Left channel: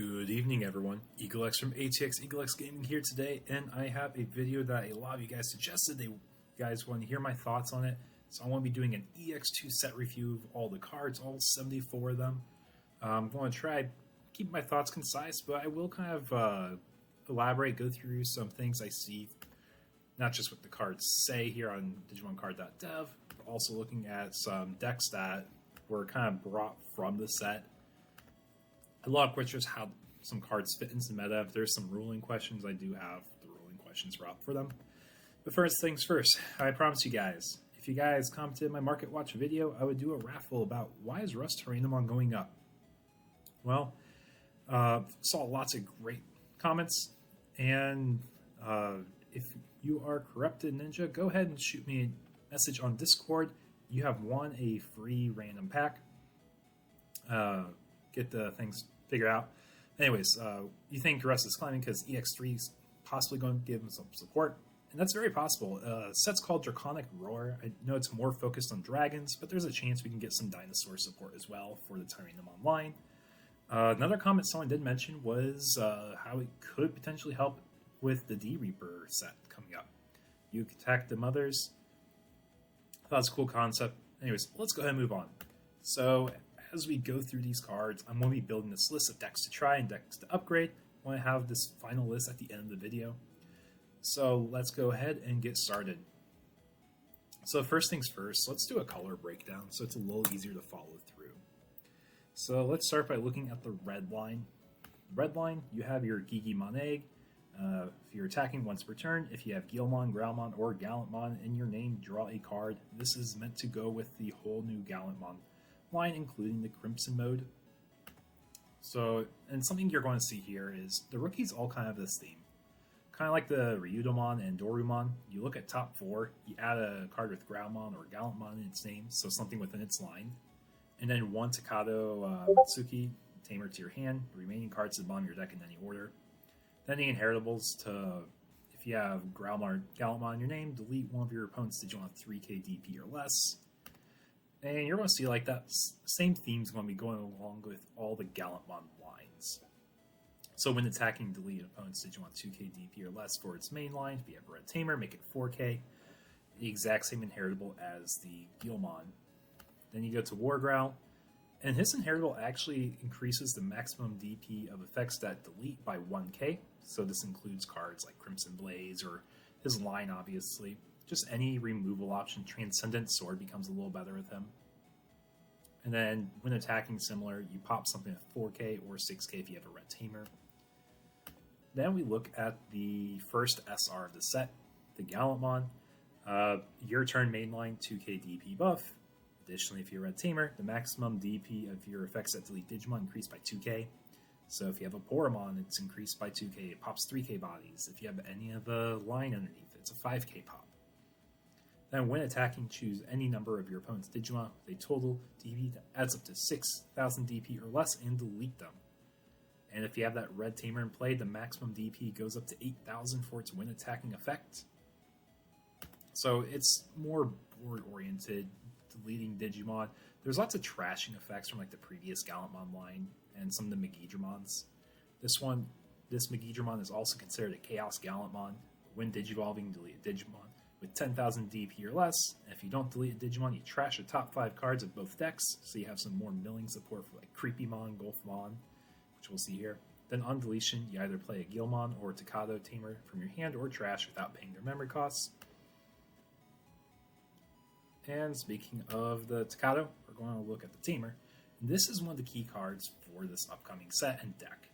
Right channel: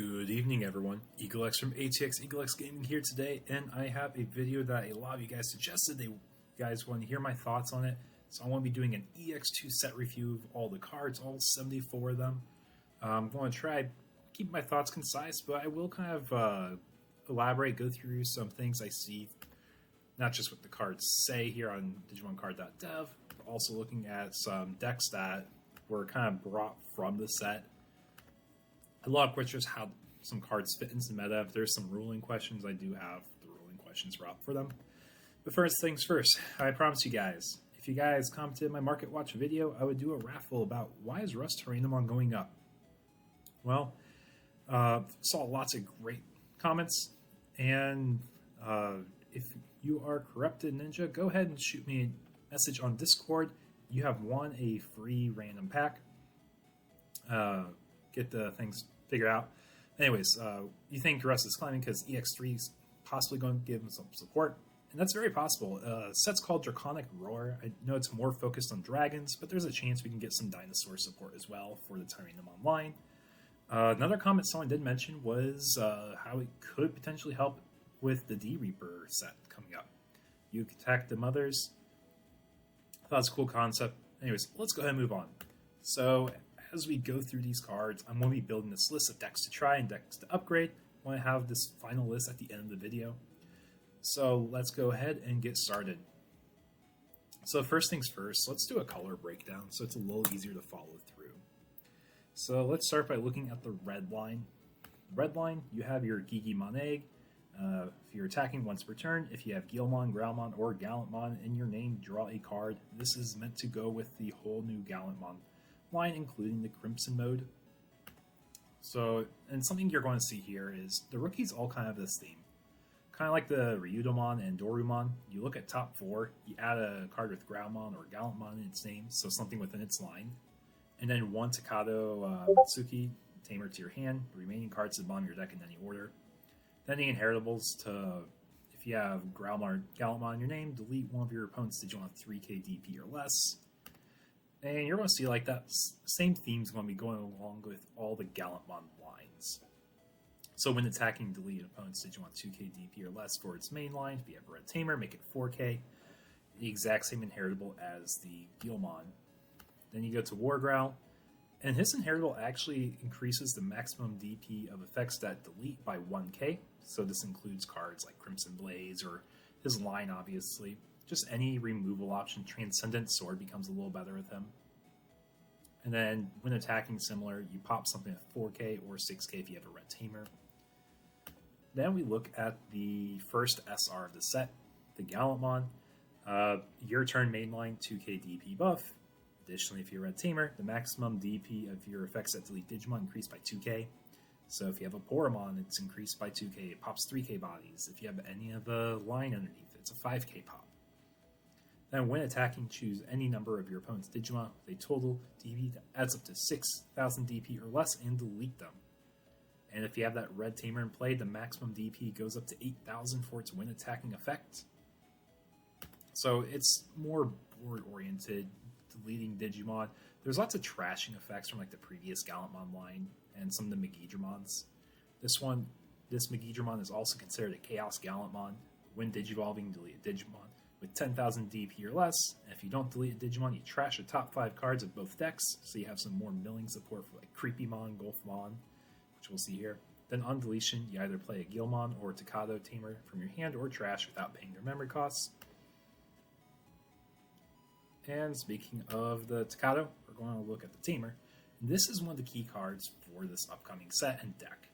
Good evening, everyone. EagleX from ATX EagleX Gaming here today, and I have a video that a lot of you guys suggested you guys want to hear my thoughts on it. So I want to be doing an EX2 set review of all the cards, all 74 of them. I'm going to try keep my thoughts concise, but I will kind of elaborate, go through some things I see, not just what the cards say here on DigimonCard.dev, but also looking at some decks that were kind of brought from the set. A lot of questions how some cards fit into meta. If there's some ruling questions, I do have the ruling questions brought for them. But first things first, I promise you guys, if you guys commented in my Market Watch video, I would do a raffle about why is Rust Tyrannomon going up? Well, saw lots of great comments, and if you are Corrupted Ninja, go ahead and shoot me a message on Discord. You have won a free random pack. Get the things figured out. Anyways, you think Rust is climbing because EX3 is possibly going to give him some support, and that's very possible. Set's called Draconic Roar. I know it's more focused on dragons, but there's a chance we can get some dinosaur support as well for the Tyrannomon line. Another comment someone did mention was how it could potentially help with the D-Reaper set coming up. You can attack the mothers. That's a cool concept. Anyways, let's go ahead and move on. So, as we go through these cards, I'm going to be building this list of decks to try and decks to upgrade. I'm going to have this final list at the end of the video. So let's go ahead and get started. So first things first, let's do a color breakdown so it's a little easier to follow through. So let's start by looking at the red line. Red line, you have your Digimon Egg. If you're attacking once per turn, if you have Beelzemon, Growlmon, or Gallantmon in your name, draw a card. This is meant to go with the whole new Gallantmon line, including the Crimson mode. So, and something you're going to see here is the rookies all kind of have this theme. Kind of like the Reapermon and Dorumon. You look at top 4, you add a card with Growlmon or Gallantmon in its name, so something within its line. And then one Takado Tsuki Tamer to your hand, the remaining cards to the bottom of your deck in any order. Then the inheritables to, if you have Gallantmon in your name, delete one of your opponents to get 3k DP or less. And you're going to see like that same theme's going to be going along with all the Gallantmon lines. So when attacking, delete one opponent's 2k DP or less for its main line. If you have Red Tamer, make it 4k. The exact same inheritable as the Beelzemon. Then you go to War Growl, and his inheritable actually increases the maximum DP of effects that delete by 1k. So this includes cards like Crimson Blaze or his line, obviously. Just any removal option. Transcendent Sword becomes a little better with him. And then when attacking similar, you pop something at 4k or 6k if you have a Red Tamer. Now we look at the first SR of the set, the Gallantmon. Your turn mainline 2k DP buff. Additionally, if you're Red Tamer, maximum DP of your effects that delete Digimon increased by 2k. So if you have a Poromon, it's increased by 2k. It pops 3k bodies. If you have any of a line underneath, it's a 5k pop. Then when attacking, choose any number of your opponent's Digimon with a total DP that's up to 6,000 DP or less and delete them. And if you have that Red Tamer in play, the maximum DP goes up to 8,000 for its when attacking effect. So it's more board-oriented, deleting Digimon. There's lots of trashing effects from like the previous Gallantmon line and some of the Megidramons. This Megidramon is also considered a Chaos Gallantmon. When Digivolving, delete a Digimon with 10,000 DP or less. And if you don't delete a Digimon, you trash your top 5 cards of both decks. So you have some more millions of support for like Creepymon, Golfmon, which we'll see here. Then on deletion, you either play a Gilmon or a Takado Tamer from your hand or trash without paying your memory costs. And speaking of the Takado, we're going to look at the Tamer. This is one of the key cards for this upcoming set and deck.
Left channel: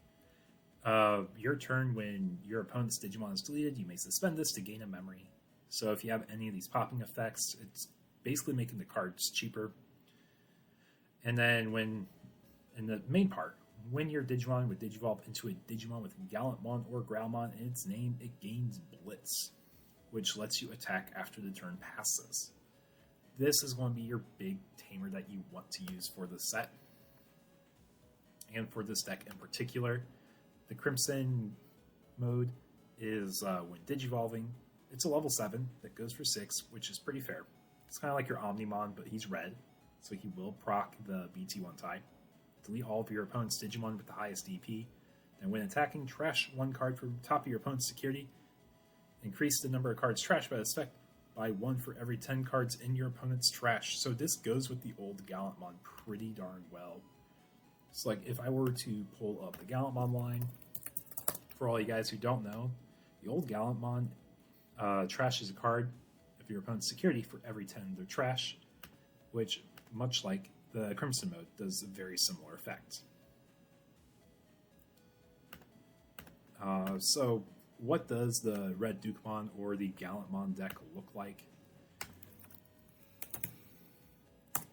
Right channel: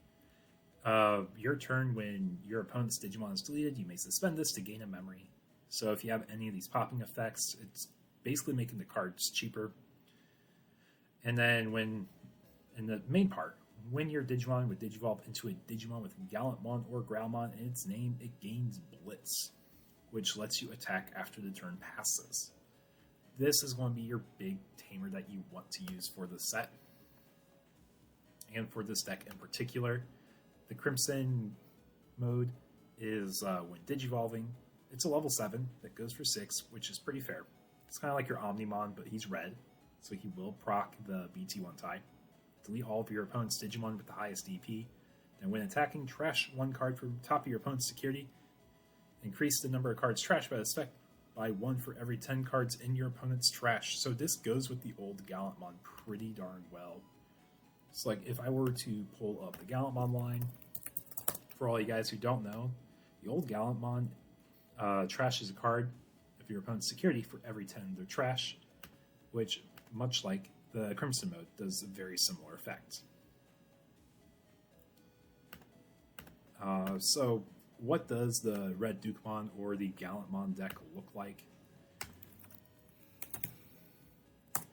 Your turn, when your opponent's Digimon is deleted, you may suspend this to gain a memory. So if you have any of these popping effects, it's basically making the cards cheaper. And then when, in the main part, when your Digimon would Digivolve into a Digimon with Gallantmon or Growlmon in its name, it gains Blitz, which lets you attack after the turn passes. This is going to be your big tamer that you want to use for this set. And for this deck in particular, the Crimson mode is when Digivolving. It's a level 7 that goes for 6, which is pretty fair. It's kind of like your Omnimon, but he's red, so he will proc the BT1 type. Delete all of your opponent's Digimon with the highest DP. And when attacking, trash one card from the top of your opponent's security. Increase the number of cards trashed by this effect by 1 for every 10 cards in your opponent's trash. So this goes with the old Gallantmon pretty darn well. So like if I were to pull up the Gallantmon line, for all you guys who don't know, the old Gallantmon trashes a card of your opponent's security for every 10 of their trash, which, much like the Crimson mode, does a very similar effect. So what does the Red Dukemon or the Gallantmon deck look like?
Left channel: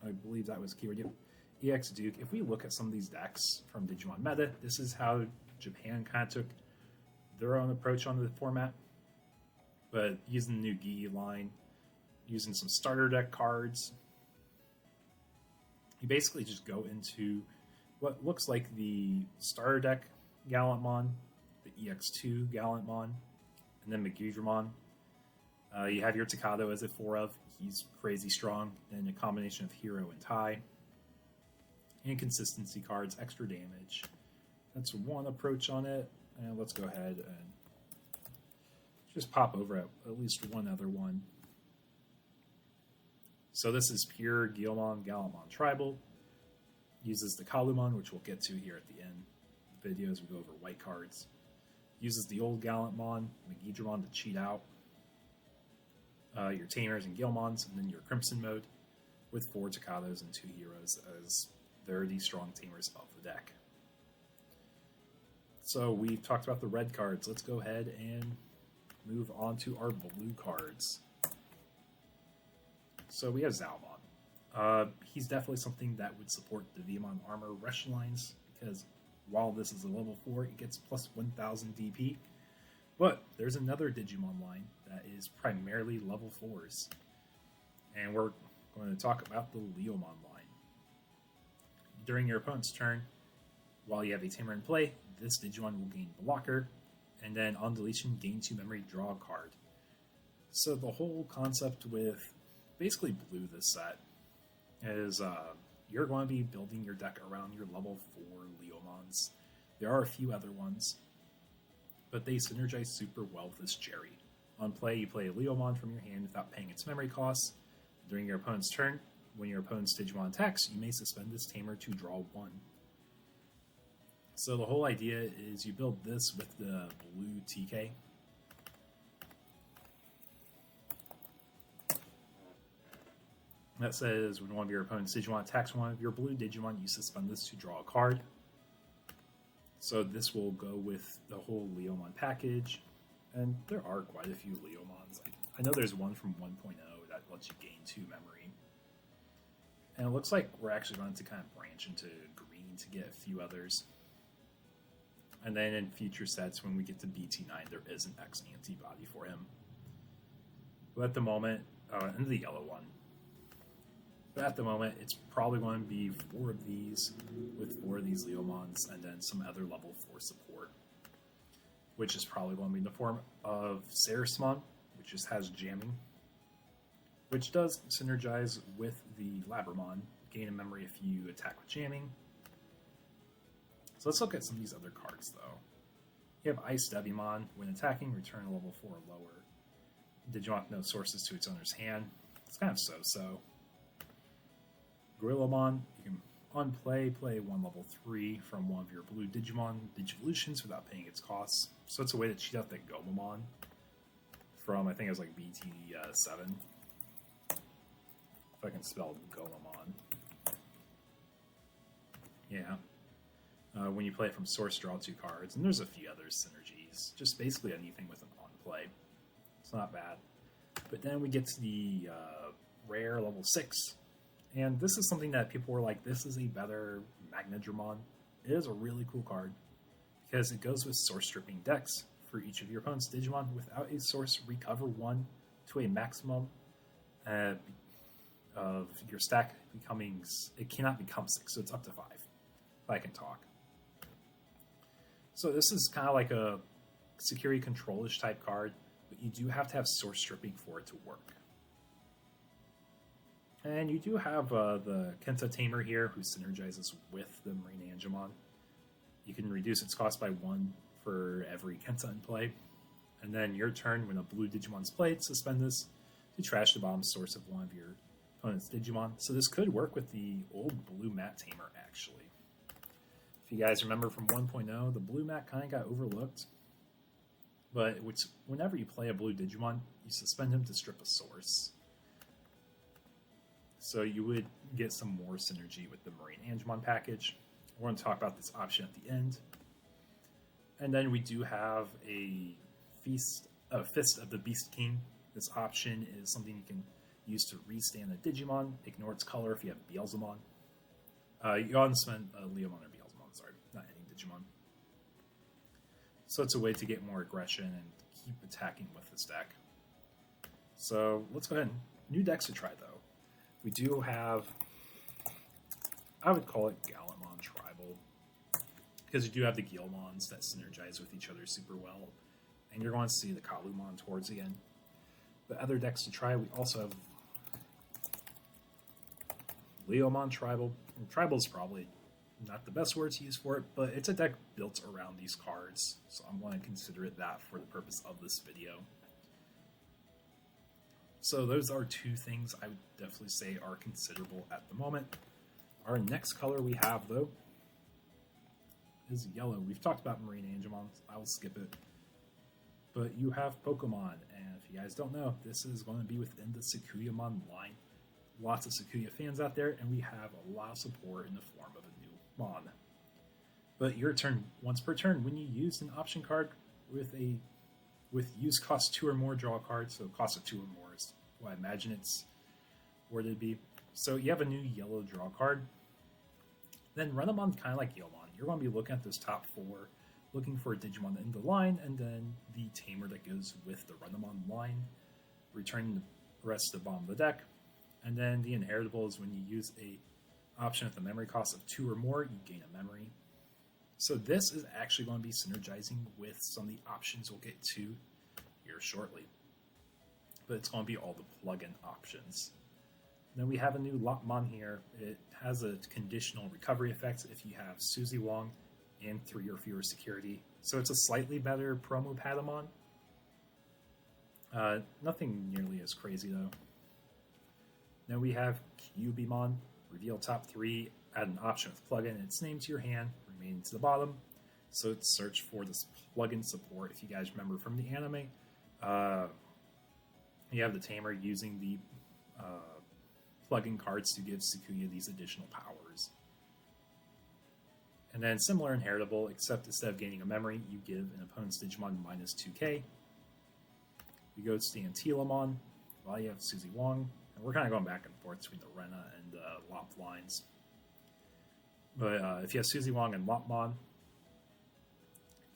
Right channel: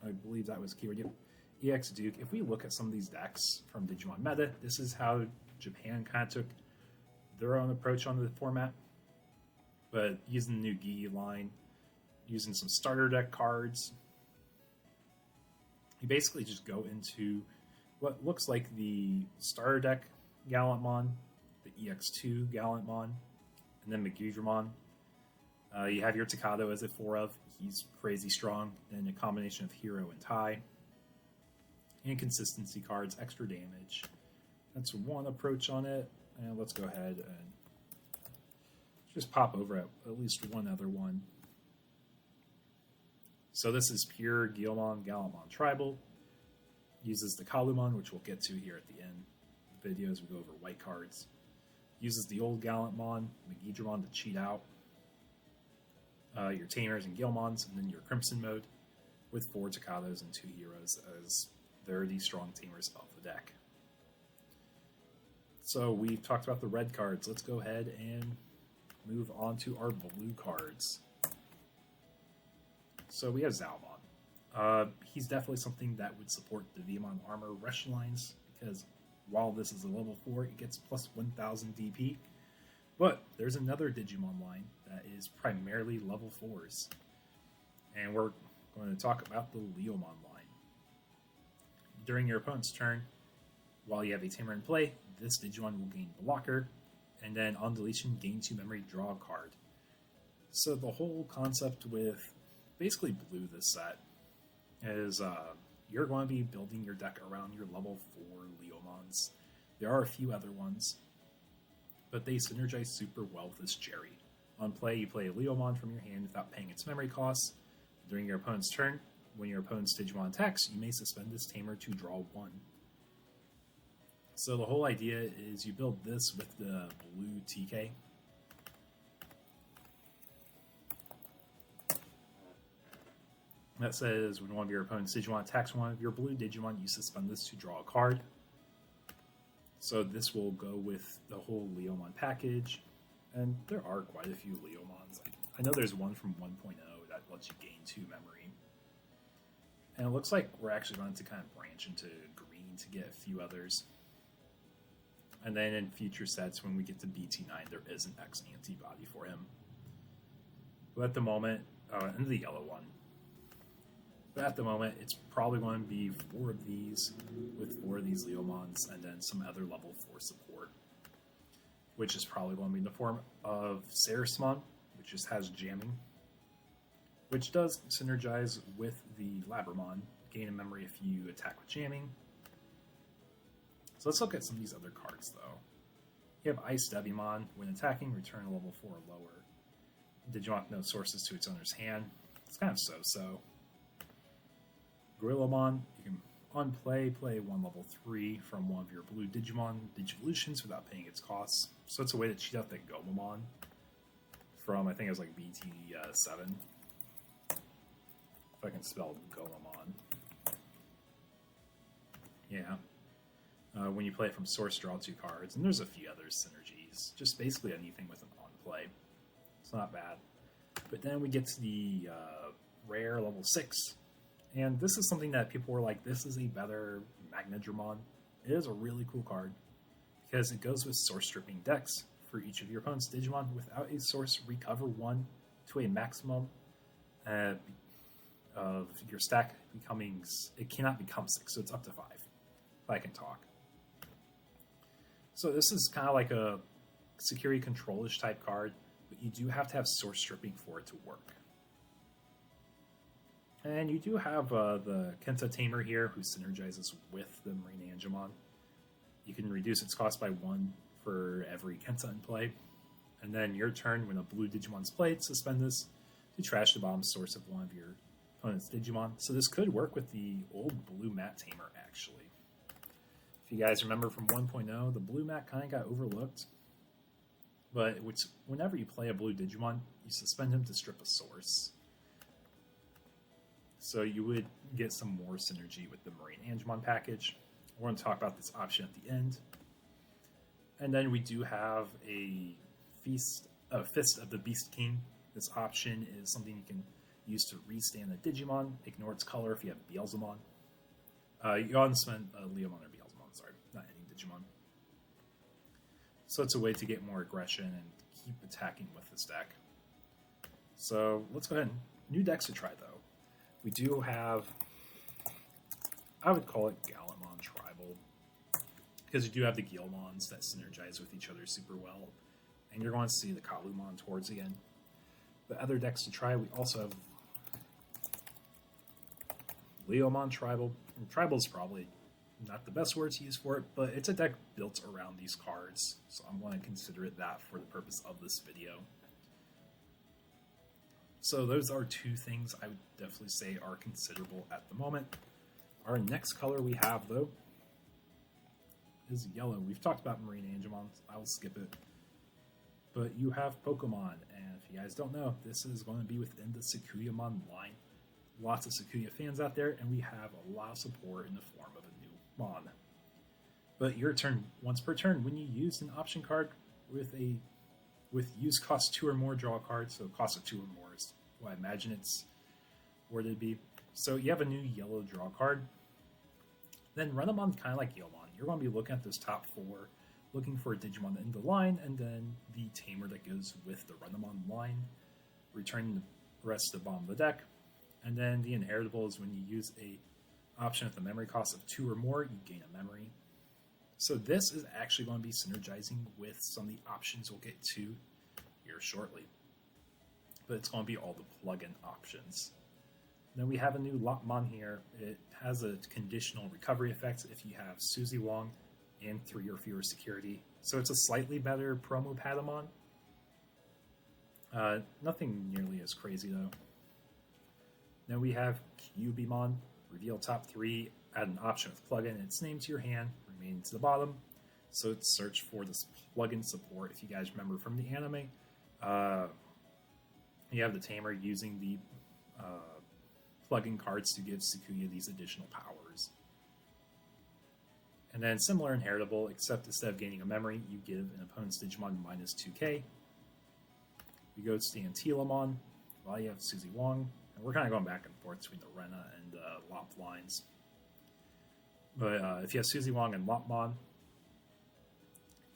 I believe that was keyword. EX2. If we look at some of these decks from Digimon Meta, this is how Japan kind of took their own approach on the format. But using the new Gi line, using some starter deck cards, you basically just go into what looks like the starter deck Gallantmon, the EX2 Gallantmon, and then Beelzemon. You have your Takato as a 4 of. He's crazy strong in a combination of Hero and Tai. Inconsistency cards, extra damage. That's one approach on it. And let's go ahead and just pop over at least one other one. So this is pure Guilmon Gallantmon Tribal. Uses the Kalumon, which we'll get to here at the end of the video as we go over white cards. Uses the old Gallantmon, Megidramon to cheat out your Tamers and Gilmons, and then your Crimson mode with 4 Takatos and 2 Heroes as very strong Tamers of the deck. So we've talked about the red cards. Let's go ahead and move on to our blue cards. So we have Zalmon. He's definitely something that would support the Veemon Armor Rush lines, because while this is a level 4, it gets plus 1000 DP. But there's another Digimon line that is primarily level 4s. And we're going to talk about the Leomon line. During your opponent's turn, while you have a Tamer in play, this Digimon will gain Blocker, and then on deletion, gain 2 memory, draw a card. So the whole concept with basically blue this set is you're going to be building your deck around your level 4 Leomons. There are a few other ones, but they synergize super well with this Jerry. On play, you play a Leomon from your hand without paying its memory costs. During your opponent's turn, when your opponent's Digimon attacks, you may suspend this Tamer to draw 1. So the whole idea is you build this with the blue TK. That says when one of your opponent's Digimon attacks one of your blue Digimon, you suspend this to draw a card. So this will go with the whole Leomon package. And there are quite a few Leomons. I know there's one from 1.0 that lets you gain 2 memory. And it looks like we're actually going to kind of branch into green to get a few others. And then in future sets, when we get to BT9, there is an X antibody for him. But at the moment, in the yellow one, at the moment, it's probably going to be 4 of these, with 4 of these Leomons, and then some other level 4 support, which is probably going to be in the form of Sarismon, which just has jamming, which does synergize with the Labramon, gain a memory if you attack with jamming. So let's look at some of these other cards, though. You have Ice Devimon. When attacking, return a level 4 or lower. Digimon with no sources to its owner's hand. It's kind of so-so. Gorillamon, you can unplay, play 1 level 3 from one of your blue Digimon Digivolutions without paying its costs. So it's a way to cheat out that Gomamon from, I think it was like BT, if I can spell Gomamon. Yeah. When you play it from source, draw 2 cards, and there's a few other synergies. Just basically anything with it on play. It's not bad. But then we get to the rare level 6. And this is something that people were like, this is a better Magnadramon. It is a really cool card, because it goes with source stripping decks. For each of your opponent's Digimon, without a source, recover 1 to a maximum of your stack becoming, it cannot become 6, so it's up to 5, if I can talk. So this is kind of like a security control-ish type card, but you do have to have source stripping for it to work. And you do have the Kenta Tamer here, who synergizes with the Marine Angemon. You can reduce its cost by 1 for every Kenta in play. And then your turn, when a blue Digimon's played, suspend this to trash the bottom source of one of your opponent's Digimon. So this could work with the old blue mat tamer, actually. If you guys remember from 1.0, the blue mat kind of got overlooked. But whenever you play a blue Digimon, you suspend him to strip a source. So you would get some more synergy with the Marine Angemon package. I want to talk about this option at the end. And then we do have a Fist of the Beast King. This option is something you can use to restand the Digimon, ignore its color if you have Beelzemon. You go ahead and spend Leomon or Beelzemon, sorry, not any Digimon. So it's a way to get more aggression and keep attacking with this deck. So let's go ahead and new decks to try though. We do have, I would call it Gargamon Tribal, because you do have the Guilmons that synergize with each other super well. And you're going to see the Kazoo towards the end. The other decks to try, we also have Leomon Tribal. And Tribal is probably not the best word to use for it, but it's a deck built around these cards, so I'm going to consider it that for the purpose of this video. So those are two things I would definitely say are considerable at the moment. Our next color we have, though, is yellow. We've talked about Marine Angemon, I will skip it. But you have Pokemon, and if you guys don't know, this is going to be within the Sakuyamon line. Lots of Sakuya fans out there, and we have a lot of support in the form of a new mod. But your turn, once per turn, when you use an option card with use cost 2 or more, draw a card, so cost of 2 or more is what I imagine it's where it'd be. So you have a new yellow draw card. Then run them on kind of like Guilmon. You're going to be looking at those top 4, looking for a Digimon in the line, and then the tamer that goes with the Runamon line, returning the rest of the bottom of the deck. And then the inheritable is when you use the option of the memory cost of 2 or more, you gain a memory. So this is actually going to be synergizing with some of the options we'll get to here shortly. But it's going to be all the plug-in options. Then we have a new Lopmon here. It has a conditional recovery effect if you have Suzy Wong and 3 or fewer security. So it's a slightly better promo Patamon. Nothing nearly as crazy though. Then we have Cubimon. Reveal top 3, add an option of plugin its name to your hand, remain to the bottom. So let's search for this plugin support. If you guys remember from the anime, you have the tamer using the plugin cards to give these additional powers. And then similar inheritable, except instead of gaining a memory, you give an opponent's Digimon minus 2k. You go to the Antilamon, while you have Suzy Wong. And we're kind of going back and forth between the Rena and Lop lines. But if you have Suzy Wong and Lopmon,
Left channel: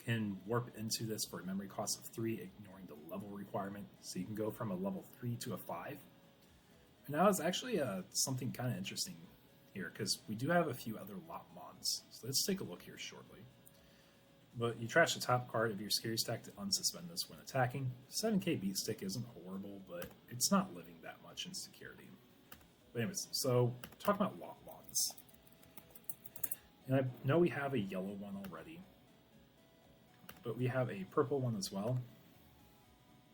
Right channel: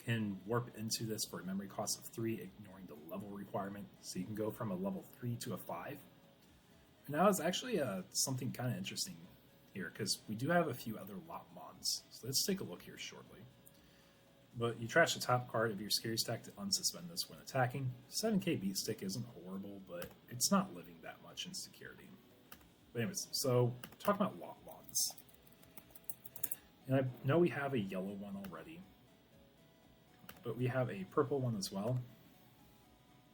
can warp into this for a memory cost of 3, ignoring the level requirement. So you can go from a level 3 to a 5. And that was actually something kind of interesting here, because we do have a few other Lopmons. So let's take a look here shortly. But you trash the top card of your scary stack to unsuspend this when attacking. 7k beat stick isn't horrible, but it's not living that much in security. But anyways, so talking about Lopmons. And I know we have a yellow one already, but we have a purple one as well.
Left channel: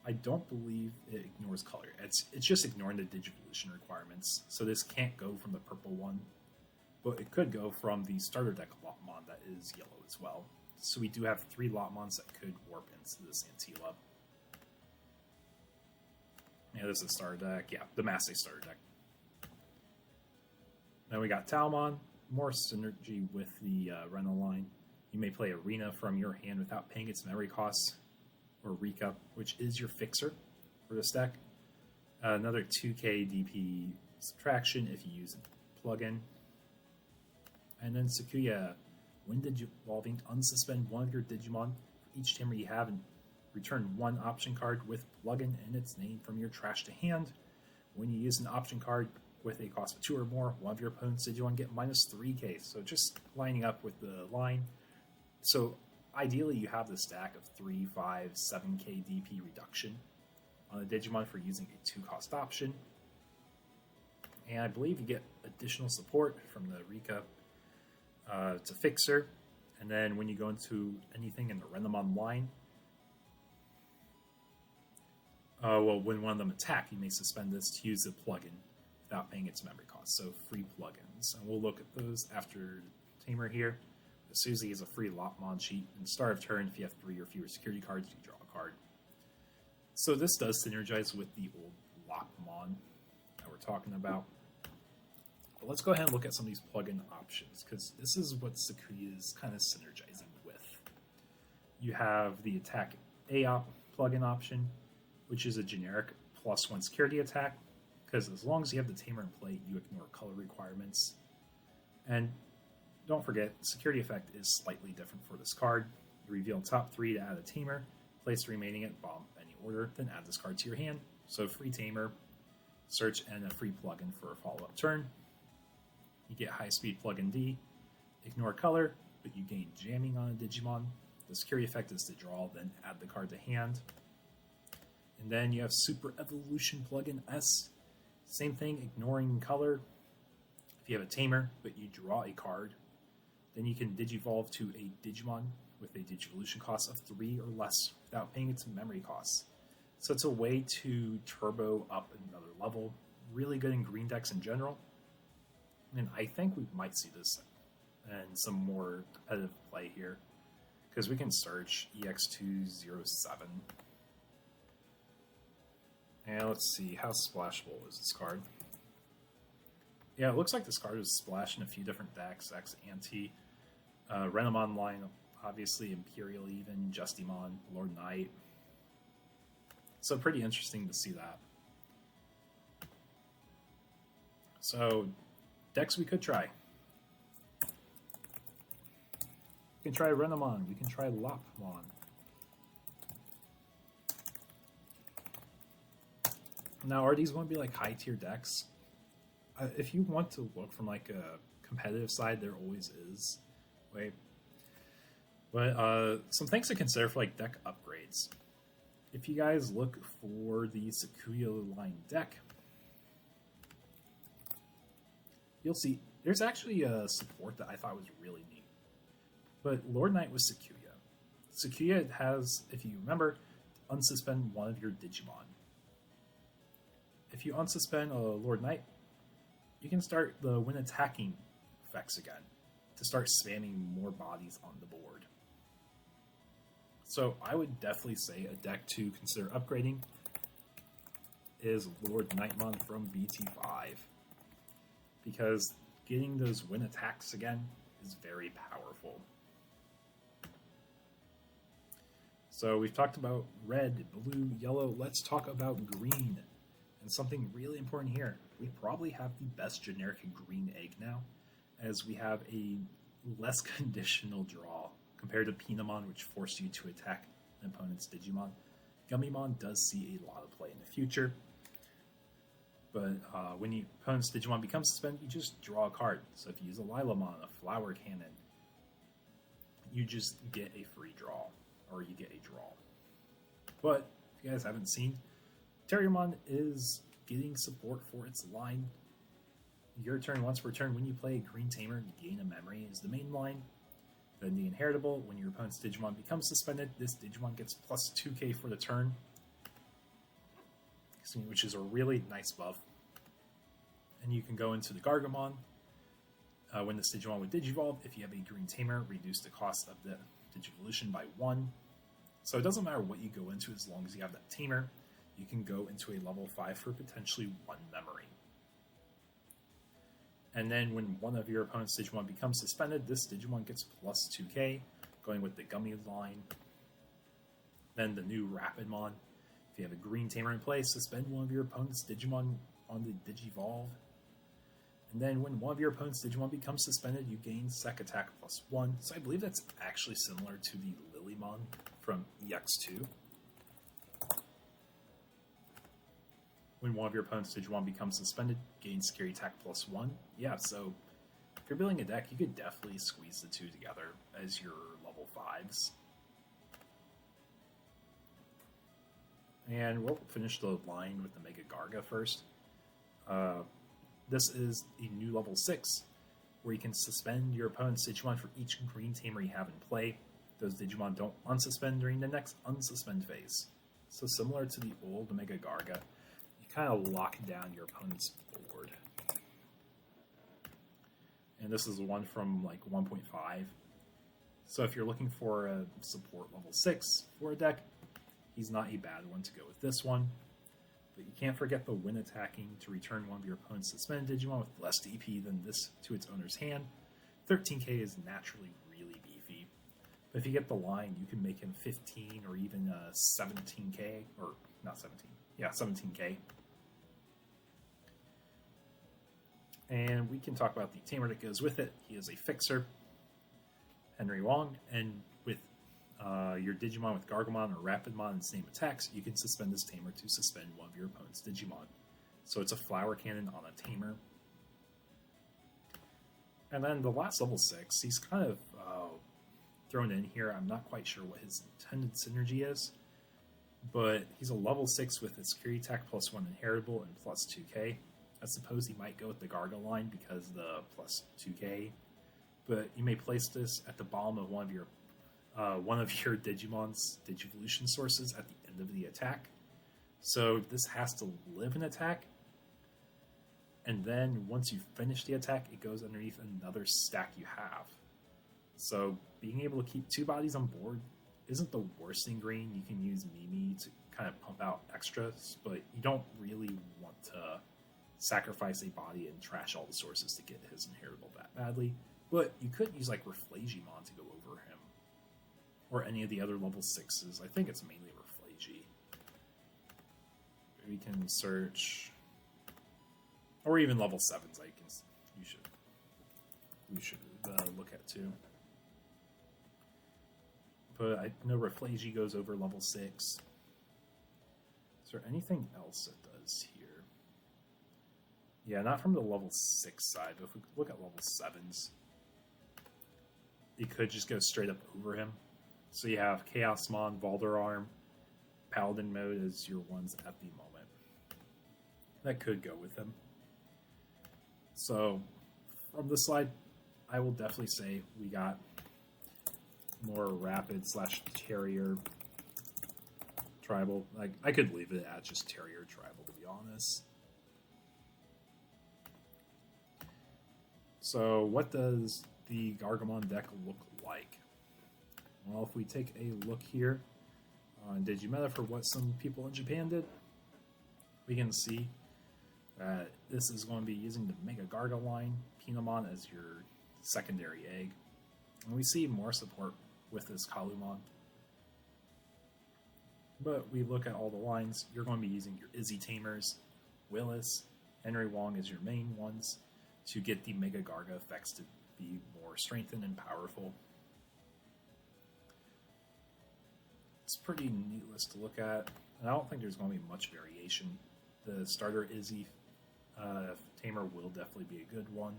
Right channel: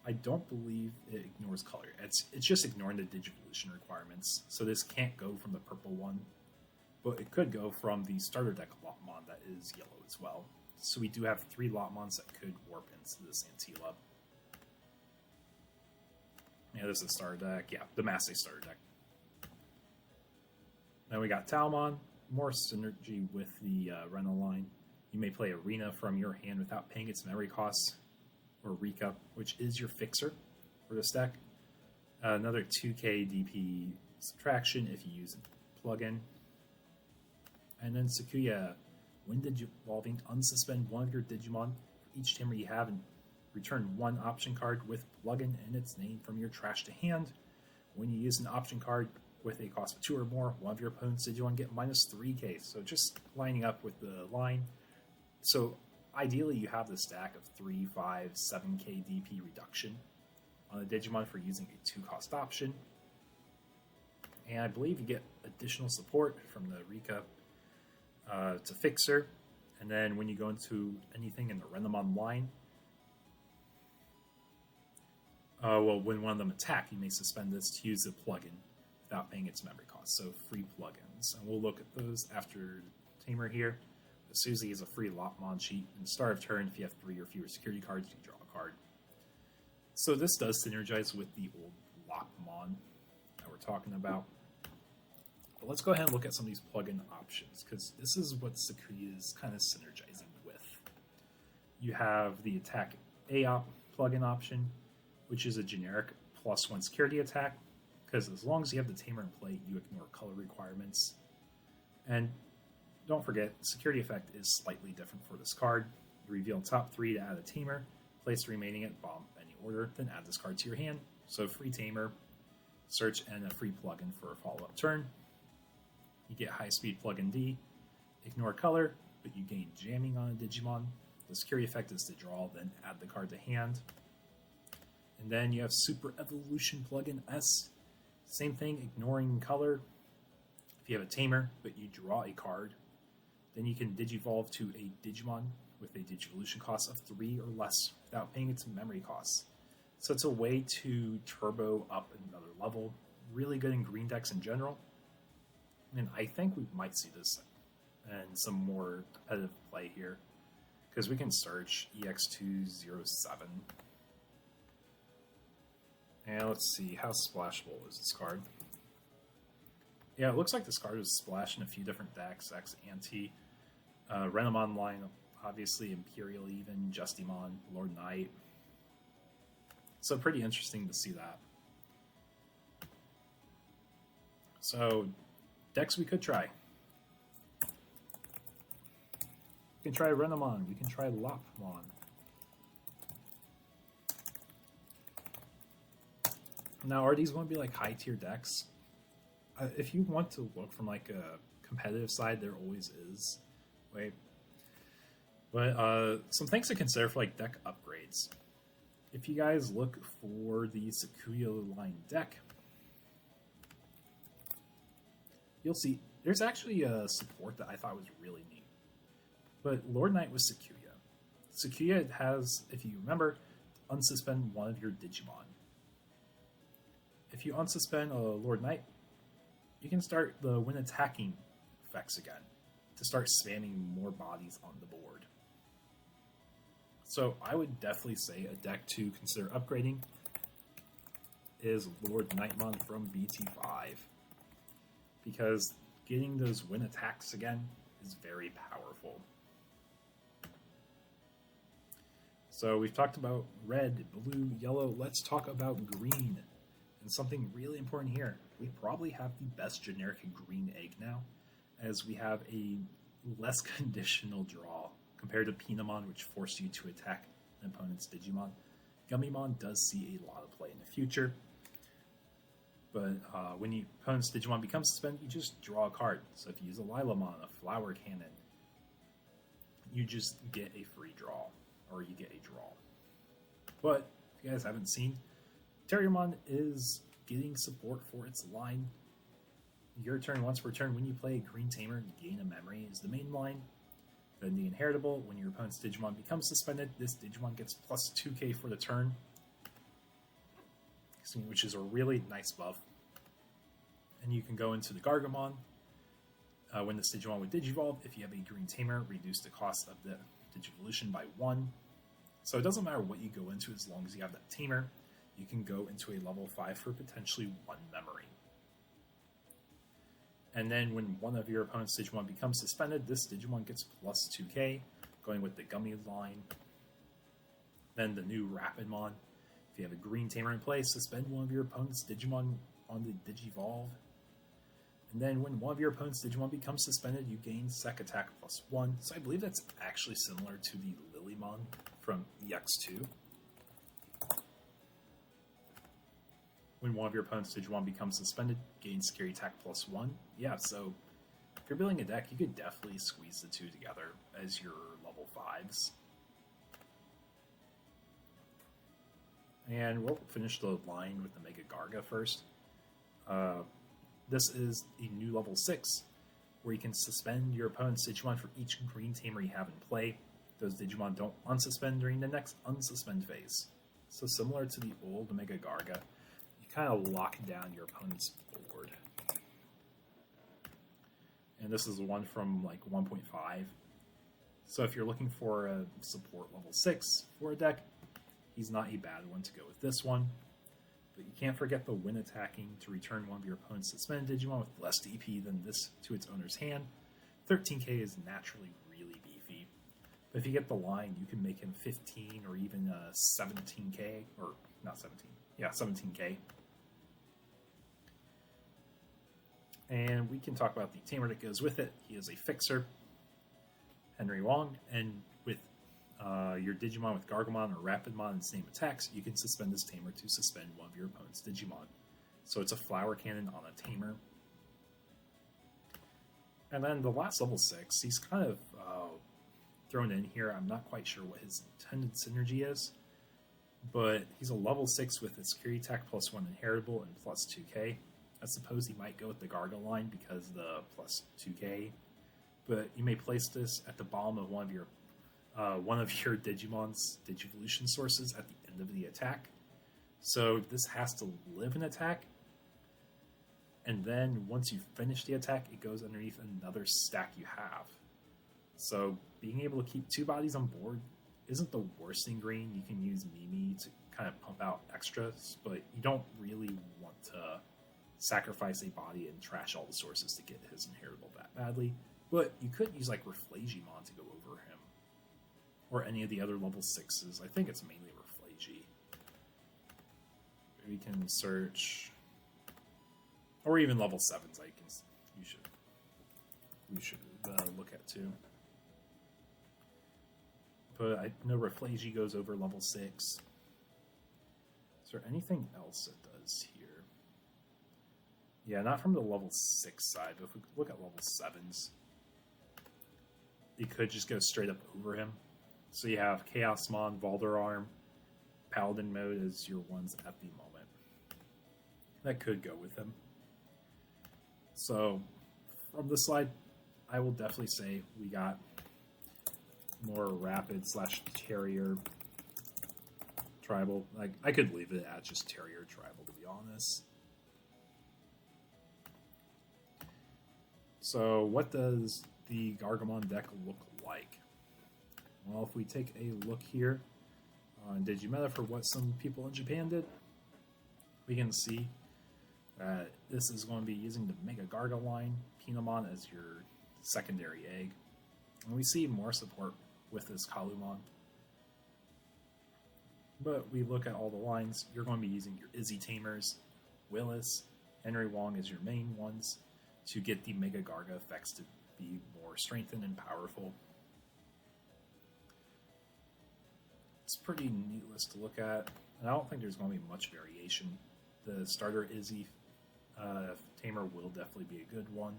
I don't believe it ignores color. It's just ignoring the digivolution requirements. So this can't go from the purple one, but it could go from the starter deck Lopmon that is yellow as well. So we do have 3 Lopmons that could warp into this level. Yeah, there's a starter deck. Yeah, the Massey starter deck. Then we got Talmon. More synergy with the Renal line. You may play Arena from your hand without paying its memory costs, or Rika, which is your fixer for this deck. Another 2k DP subtraction if you use a plugin. And then Sakuya, when Digivolving, unsuspend one of your Digimon, each tamer you have, and return 1 option card with plugin and its name from your trash to hand. When you use an option card with a cost of 2 or more, one of your opponent's Digimon get minus 3k. So just lining up with the line. So ideally you have the stack of 3, 5, 7k DP reduction on a Digimon for using a 2-cost option. And I believe you get additional support from the Rika to Fixer, And then when you go into anything in the Reapermon line, when one of them attack, you may suspend this to use a plugin without paying its memory cost. So free plugins. And we'll look at those after Tamer here. Susie is a free Lopmon cheat. In the start of turn, if you have 3 or fewer security cards, you draw a card. So this does synergize with the old Lopmon that we're talking about. But let's go ahead and look at some of these plugin options, because this is what Sakuya is kind of synergizing with. You have the attack AOP plugin option, which is a generic +1 security attack, because as long as you have the Tamer in play, you ignore color requirements. And don't forget, security effect is slightly different for this card. You reveal top 3 to add a Tamer, place the remaining at bottom any order, then add this card to your hand. So free Tamer, search, and a free plugin for a follow-up turn. You get high speed plugin D, ignore color, but you gain jamming on a Digimon. The security effect is to draw, then add the card to hand. And then you have Super Evolution plugin S. Same thing, ignoring color. If you have a Tamer, but you draw a card, then you can Digivolve to a Digimon with a Digivolution cost of 3 or less without paying its memory costs. So it's a way to turbo up another level. Really good in green decks in general. And I think we might see this in competitive play here, because we can search EX207. And let's see, how splashable is this? Yeah, it looks like this card is splashed in a few different backs, X, Anti. Reapermon line, obviously Imperial even, Justimon, Lord Knight. So pretty interesting to see that. So, decks we could try. We can try Reapermon, we can try Lapmon. Now, are these going to be like high tier decks? If you want to look from like a competitive side, there always is. Wait. Some things to consider for like deck upgrades. If you guys look for the Sakuya line deck, but Lord Knight was Sakuya. Sakuya has, if you remember, unsuspend one of your Digimon. If you unsuspend a Lord Knight, you can start the when attacking effects again to start spamming more bodies on the board. So I would definitely say a deck to consider upgrading is Lord Knightmon from BT5, because getting those win attacks again is very powerful. So we've talked about red, blue, yellow. Let's talk about green. And something really important here. We probably have the best generic green egg now, as we have a less conditional draw compared to Pinamon, which forced you to attack an opponent's Digimon. Gummymon does see a lot of play in the future. But when your opponent's Digimon becomes suspended, you just draw a card. So if you use a Lilamon, a Flower Cannon, you just get a free draw, or you get a draw. But if you guys haven't seen, Terriermon is getting support for its line. Your turn once per turn. When you play a Green Tamer, you gain a memory is the main line. Then the inheritable, when your opponent's Digimon becomes suspended, this Digimon gets plus 2k for the turn, which is a really nice buff. And you can go into the Gargamon. When this Digimon would Digivolve, if you have a Green Tamer, reduce the cost of the Digivolution by 1. So it doesn't matter what you go into as long as you have that Tamer. You can go into a level 5 for potentially 1 memory. And then when one of your opponent's Digimon becomes suspended, this Digimon gets plus 2k, going with the Gummy line. Then the new Reapermon. If you have a Green Tamer in play, suspend one of your opponent's Digimon on the Digivolve. And then when one of your opponent's Digimon becomes suspended, you gain Sec Attack plus 1. So I believe that's actually similar to the Lilymon from EX2. When one of your opponent's Digimon becomes suspended, gain Security Attack plus 1. Yeah, so if you're building a deck, you can definitely squeeze the two together as your level 5s. And we'll finish the line with the Mega Garga first. This is a new level 6. where you can suspend your opponent's Digimon for each green tamer you have in play. Those Digimon don't unsuspend during the next unsuspend phase. So similar to the old Mega Garga, that'll lock down your opponent's board. And this is the one from like 1.5. So if you're looking for a support level 6 for a deck, he's not a bad one to go with this one. But you can't forget the win attacking to return one of your opponent's suspended Digimon with less DP than this to its owner's hand. 13k is naturally really beefy. But if you get the line, you can make him 15 or even 17k. Or not 17. Yeah, 17k. And we can talk about the tamer that goes with it. He is a fixer, Henry Wong, and with your Digimon with Gargamon or Reapermon and same attacks, you can suspend this tamer to suspend one of your opponent's Digimon. So it's a flower cannon on a tamer. And then the last one, he's kind of thrown in here. I'm not quite sure what his intended synergy is, but he's a level 6 with his carry attack +1 inheritable and plus 2k. I suppose you might go with the Garga line because of the plus 2k. But you may place this at the bottom of one of your Digimon's Digivolution sources at the end of the attack. So this has to live an attack, and then once you finish the attack, it goes underneath another stack you have. So being able to keep 2 bodies on board isn't the worst in green. You can use Mimi to kind of pump out extras, but you don't really want to sacrifice a body and trash all the sources to get his inheritable that badly. But you could use like Reflagimon to go over him, or any of the other level 6s. I think it's mainly Reflagi. You can search, or even level 7s. I guess you should look at too. But I know Reflagi goes over level 6. Is there anything else it does here? Yeah, not from the level 6 side, but if we look at level 7s, you could just go straight up over him. So you have Chaosmon, Volderarm, Paladin Mode as your ones at the moment. That could go with him. So, from this slide, I will definitely say we got more rapid / terrier tribal. Like, I could leave it at just terrier tribal, to be honest. So, what does the Gargamon deck look like? Well, if we take a look here, Digimeta for what some people in Japan did, we can see that this is going to be using the Mega Garga line, Pinamon as your secondary egg. And we see more support with this Kalumon. But we look at all the lines, you're going to be using your Izutuners, Willis, Henry Wong as your main ones to get the Mega Garga effects to be more strengthened and powerful. It's pretty neat list to look at, and I don't think there's going to be much variation. The starter Izzy Tamer will definitely be a good one.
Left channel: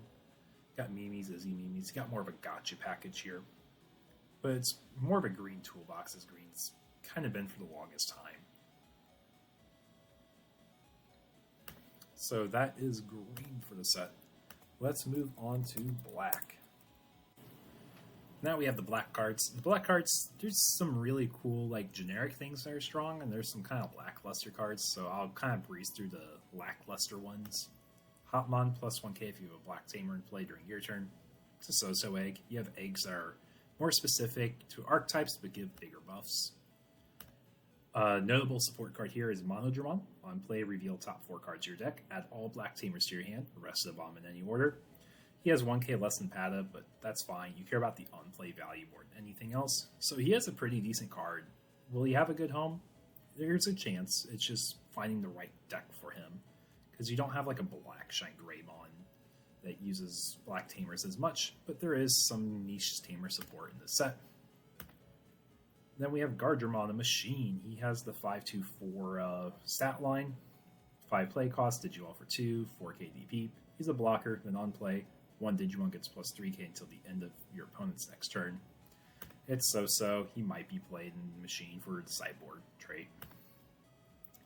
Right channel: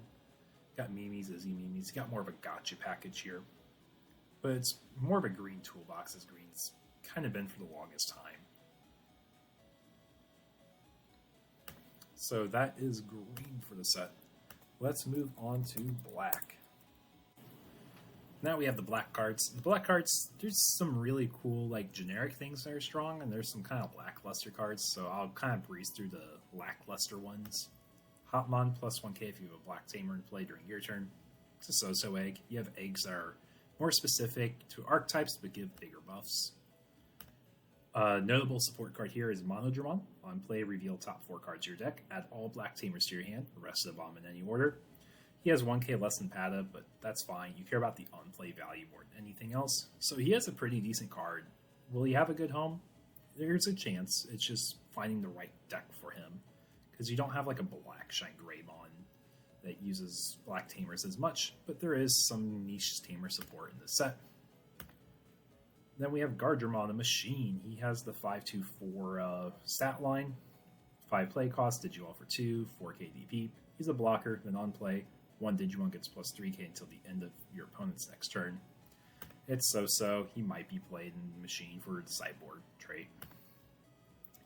Got Mimi's, Izzy Mimi's, got more of a gotcha package here. But it's more of a green toolbox as green's kind of been for the longest time. So that is green for the set. Let's move on to black. Now we have the black cards. The black cards, there's some really cool, like, generic things that are strong, and there's some kind of lackluster cards, so I'll kind of breeze through the lackluster ones. Hotmon +1k from the black tamer play for your turn. It's a so-so egg. You have eggs that are more specific to archetypes, but give bigger buffs. Notable support card here is Mono Drummond. On play, reveal top 4 cards of your deck. Add all black tamers to your hand. The rest of the bomb in any order. He has 1k less than Pada, but that's fine. You care about the on-play value more than anything else. So he has a pretty decent card. Will he have a good home? There's a chance. It's just finding the right deck for him. Because you don't have like a black Shine Greymon that uses black tamers as much, but there is some niche tamer support in the set. Then we have Gargamon, the machine. He has the 5/2/4 stat line, 5 play cost, Digimon for 2, 4k DP. He's a blocker, then on play, 1 Digimon gets +3k until the end of your opponent's next turn. It's so-so. He might be played in the machine for the sideboard trait.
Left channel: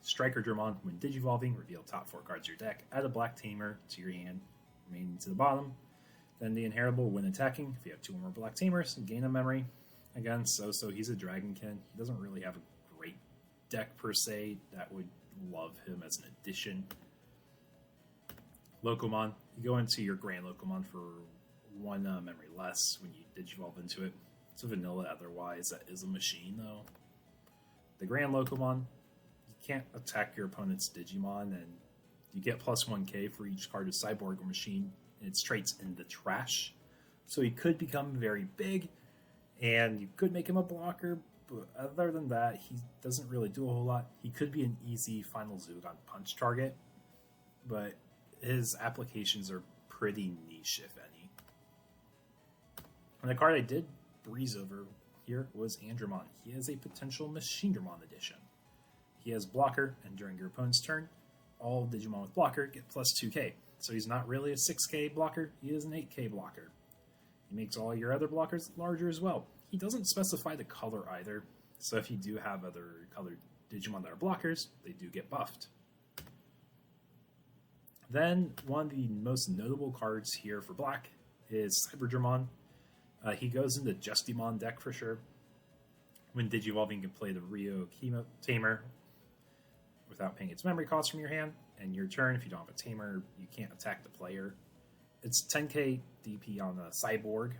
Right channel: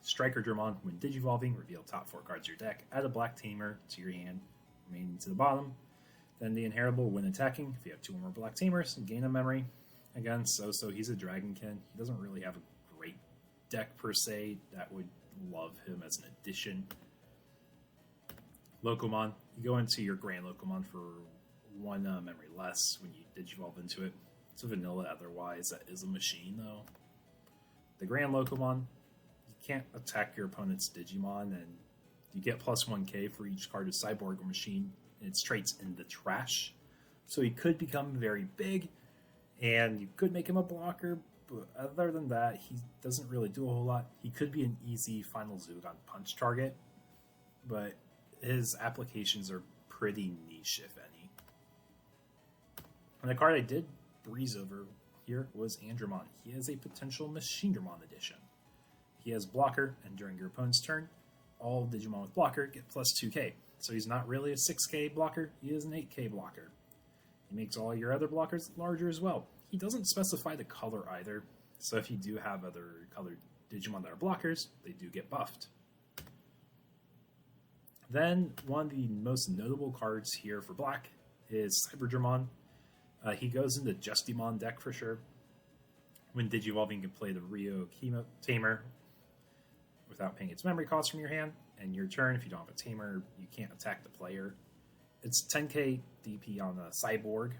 Striker Drummond, when Digivolving, reveal top 4 cards of your deck. Add a black tamer to your hand, remaining to the bottom. Then the inheritable, when attacking, if you have 2 or more black tamers, gain a memory. Again, so he's a Dragonkin. He doesn't really have a great deck per se. That would love him as an addition. Lokomon, you go into your Grand Lokomon for 1 memory less when you Digivolve into it. It's a vanilla otherwise. That is a machine, though. The Grand Lokomon, you can't attack your opponent's Digimon, and you get plus 1k for each target machine, and its traits into trash. So he could become very big, and you could make him a blocker, but other than that, he doesn't really do a whole lot. He could be an easy Final Zugon punch target, but his applications are pretty niche, if any. And the card I did breeze over here was Andromon. It's a potential Machinedramon edition. He has blocker, and during your opponent's turn, all Digimon with blocker get plus 2k. So he's not really a 6k blocker, he is an 8k blocker. He makes all your other blockers larger as well. He doesn't specify the color either, so if you do have other colored Digimon that are blockers, they do get buffed. Then, one of the most notable cards here for black is Cyberdramon. He goes in the Justimon deck for sure. When Digivolving, you can play the Rio Tamer without paying its memory cost from your hand. And your turn, if you don't have a Tamer, you can't attack the player. It's 10k DP on a Cyborg,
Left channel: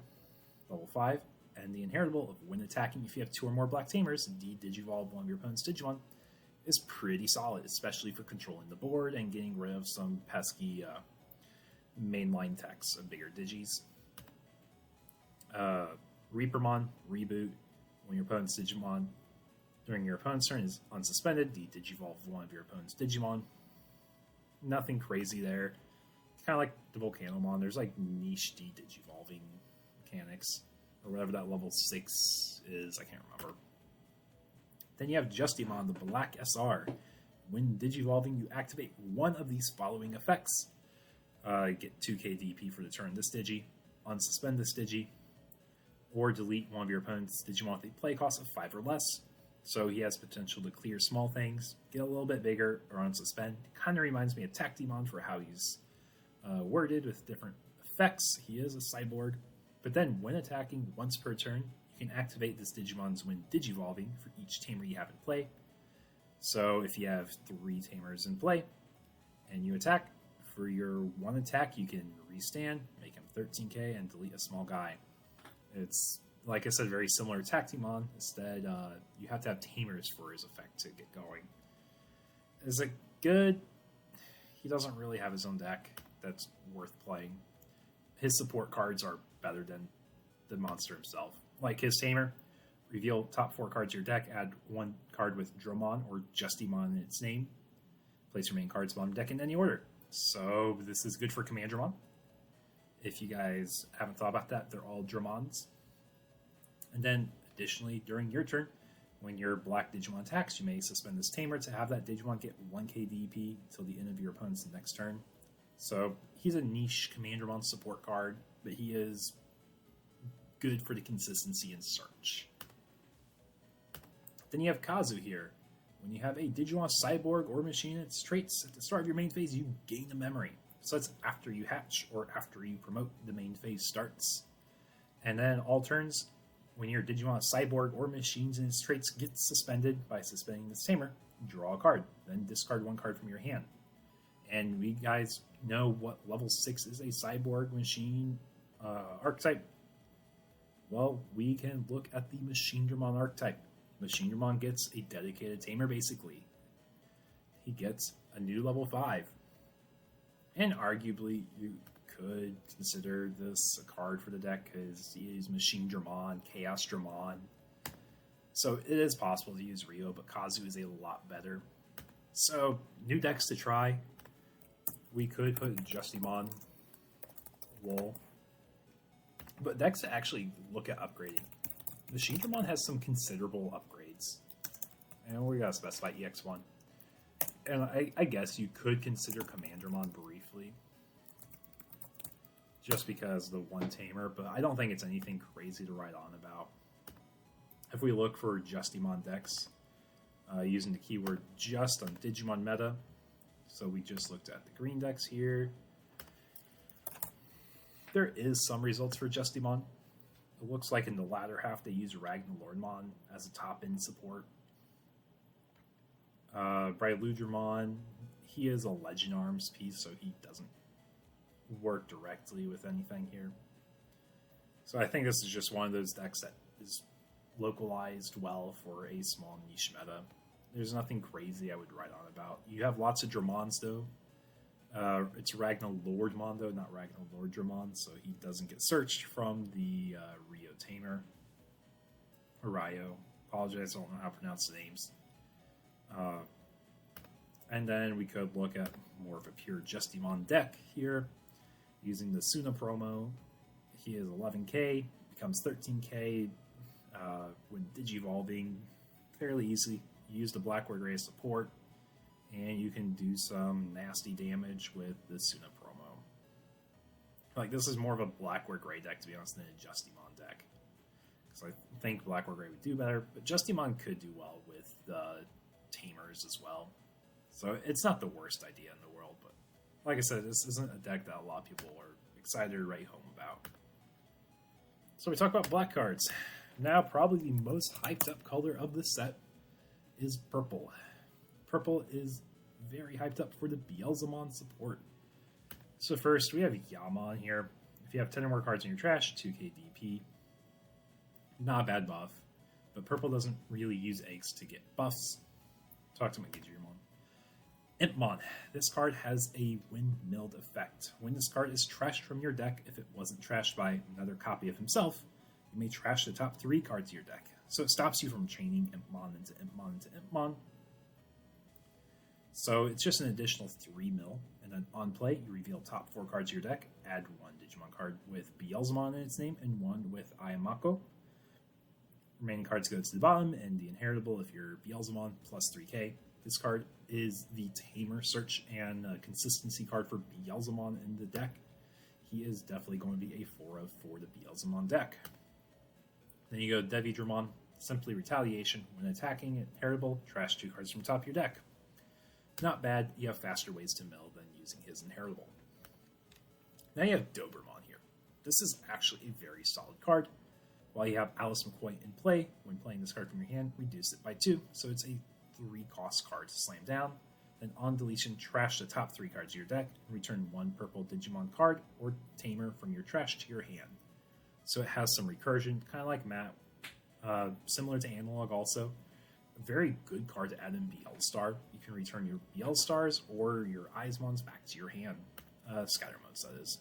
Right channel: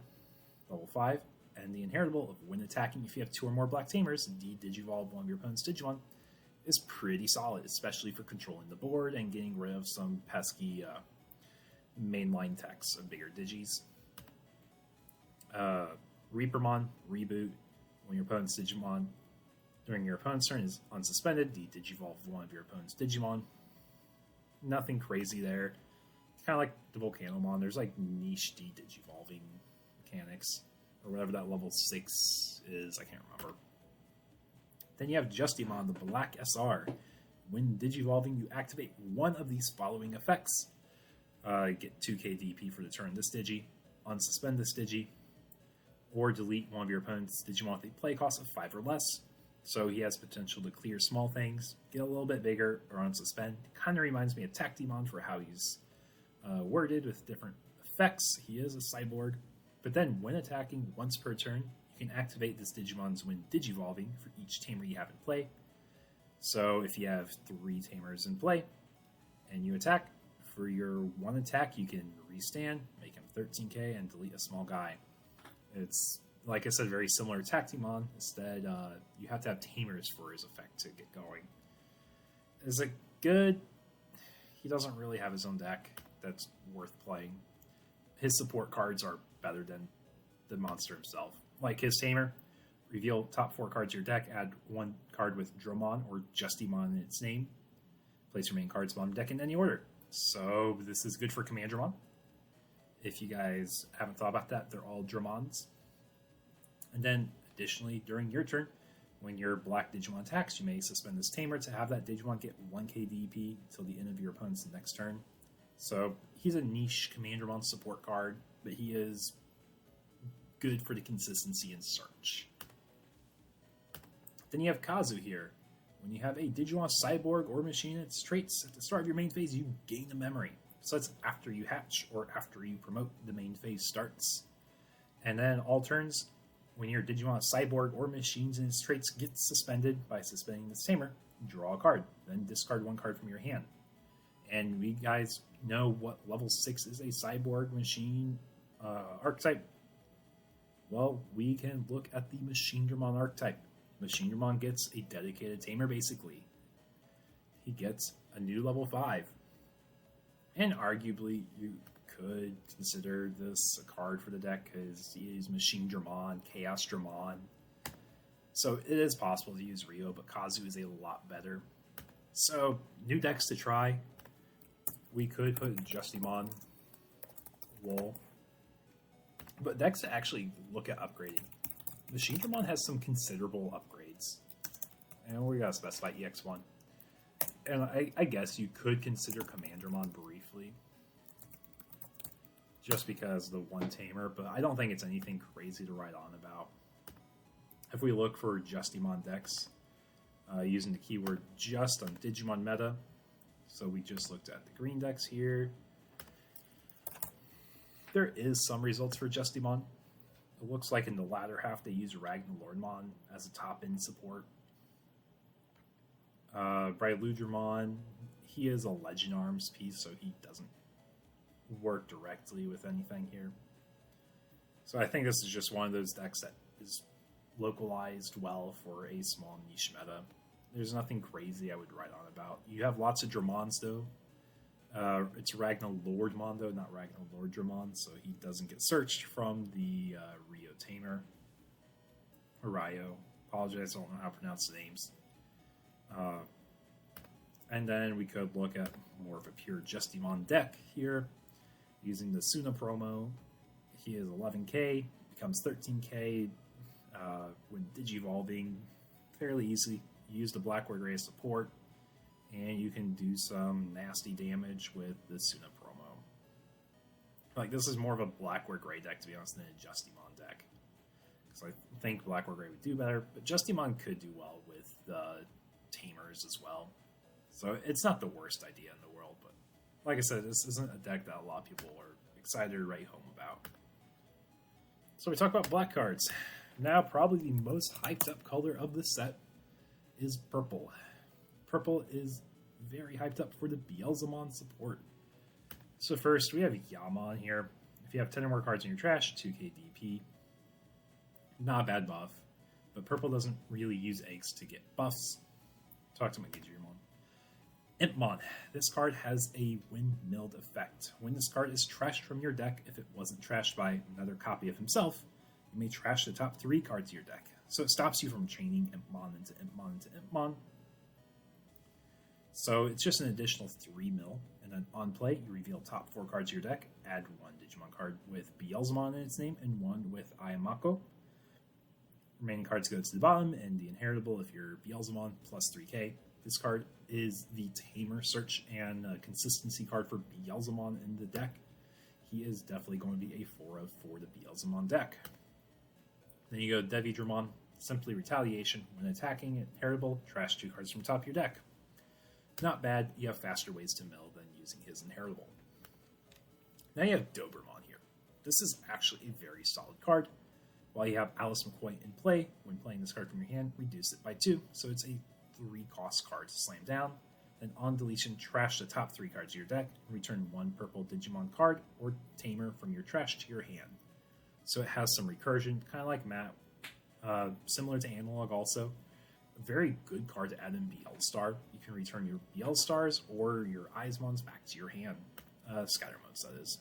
level 5, and the inheritable of when attacking, if you have 2 or more black Tamers, Digivolve one of your opponent's Digimon is pretty solid, especially if you're controlling the board and getting rid of some pesky mainline techs of bigger Digis. Reapermon Reboot, when your opponent's Digimon during your opponent's turn is unsuspended, Digivolve one of your opponent's Digimon. Nothing crazy there. It's kind of like the Volcanomon. There's like niche Digivolving mechanics, or whatever that level 6 is. I can't remember. Then you have Justimon, the Black SR. When Digivolving, you activate one of these following effects. Get 2k DP for the turn this Digi, unsuspend this Digi, or delete one of your opponent's Digimon with a play cost of 5 or less. So he has potential to clear small things, get a little bit bigger, or unsuspend. Kind of reminds me of Tactimon for how he's worded with different effects. He is a cyborg. But then when attacking once per turn, you can activate this Digimon's when Digivolving for each Tamer you have in play. So if you have 3 Tamers in play, and you attack, for your 1 attack you can restand, make him 13k, and delete a small guy. And it's, like I said, very similar to Tactimon. Instead, you have to have Tamers for his effect to get going. Is it good? He doesn't really have his own deck that's worth playing. His support cards are better than the monster himself. Like his Tamer, reveal top 4 cards of your deck, add 1 card with Drummond or Justimon in its name. Place your main cards on your deck in any order. So this is good for Commandramon. If you guys haven't thought about that, they're all Drummonds. And then, additionally, during your turn, when your black Digimon attacks, you may suspend this Tamer to have that Digimon get 1k DP until the end of your opponent's next turn. So he's a niche Commandramon support card, but he is good for the consistency in search. Then you have Kazoo here. When you have a Digimon cyborg or machine, its traits at the start of your main phase, you gain a memory. So that's after you hatch or after you promote the main phase starts. And then all turns, when your Digimon cyborg or machines and its traits get suspended by suspending this Tamer, draw a card. Then discard 1 card from your hand. And we guys know what level 6 is a cyborg machine archetype. Well, we can look at the Machinedramon archetype. Machinedramon gets a dedicated Tamer, basically. He gets a new level 5. And arguably, you could consider this a card for the deck because he is Machinedramon, Chaosdramon. So it is possible to use Rio, but Kazoo is a lot better. So, new decks to try. We could put Justimon, Wool. But decks to actually look at upgrading. Machinedramon has some considerable upgrades. And we gotta specify EX1. And I guess you could consider Commandramon briefly. Just because the 1 Tamer, but I don't think it's anything crazy to write on about. If we look for Justimon decks, using the keyword just on Digimon Meta, so we just looked at the green decks here. there is some results for Justimon. It looks like in the latter half they use Ragnarlordmon as a top-end support. Bryludramon, he is a Legend Arms piece, so he doesn't work directly with anything here. So I think this is just one of those decks that is localized well for a small niche meta. There's nothing crazy I would write on about. You have lots of Dramons, though. It's Ragnarlordmon, though, not Ragnarlordramon, so he doesn't get searched from the Rio Tamer. Rio. Apologize, I don't know how to pronounce the names. And then we could look at more of a pure Justimon deck here, using the Suna promo. He is 11k, becomes 13k when Digivolving. Clearly easy. You use the Black-White Gray support, and you can do some nasty damage with the Suna promo. Like, this is more of a Black-White Gray deck, to be honest, than a Justimon deck. So I think Black-White Gray would do better, but Justimon could do well with Tamers as well. So it's not the worst idea in the world, but like I said, this isn't a deck that a lot of people are excited to write home about. So we talked about black cards. Now, probably the most hyped up color of the set is purple. Purple is very hyped up for the Beelzemon support. So first, we have Yaman here. If you have 10 or more cards in your trash, 2k DP. Not a bad buff, but purple doesn't really use eggs to get buffs. Talk to my Digimon. Impmon. This card has a windmilled effect. When this card is trashed from your deck, if it wasn't trashed by another copy of himself, you may trash the top 3 cards of your deck. So it stops you from chaining Impmon into Impmon into Impmon. So it's just an additional 3 mil. And then on play, you reveal top 4 cards of your deck, add 1 Digimon card with Beelzemon in its name, and 1 with Ayamako. Remaining cards go to the bottom, and the inheritable if you're Beelzemon plus 3k. This card is the Tamer search and consistency card for Beelzemon in the deck. He is definitely going to be a 4 of for the Beelzemon deck. Then you go Devi Drummond, simply retaliation. When attacking, inheritable, trash 2 cards from top of your deck. Not bad, you have faster ways to mill than using his inheritable. Now you have Gargamon here. This is actually a very solid card. While you have Alice McCoy in play, when playing this card from your hand, reduce it by 2, so it's a 3-cost card to slam down. And on deletion, trash the top 3 cards of your deck, and return 1 purple Digimon card or Tamer from your trash to your hand. So it has some recursion, kind of like Map. Similar to Analog also. A very good card to add in Beelstar. You can return your Beelstars or your Eismons back to your hand. Skyrmox, that is.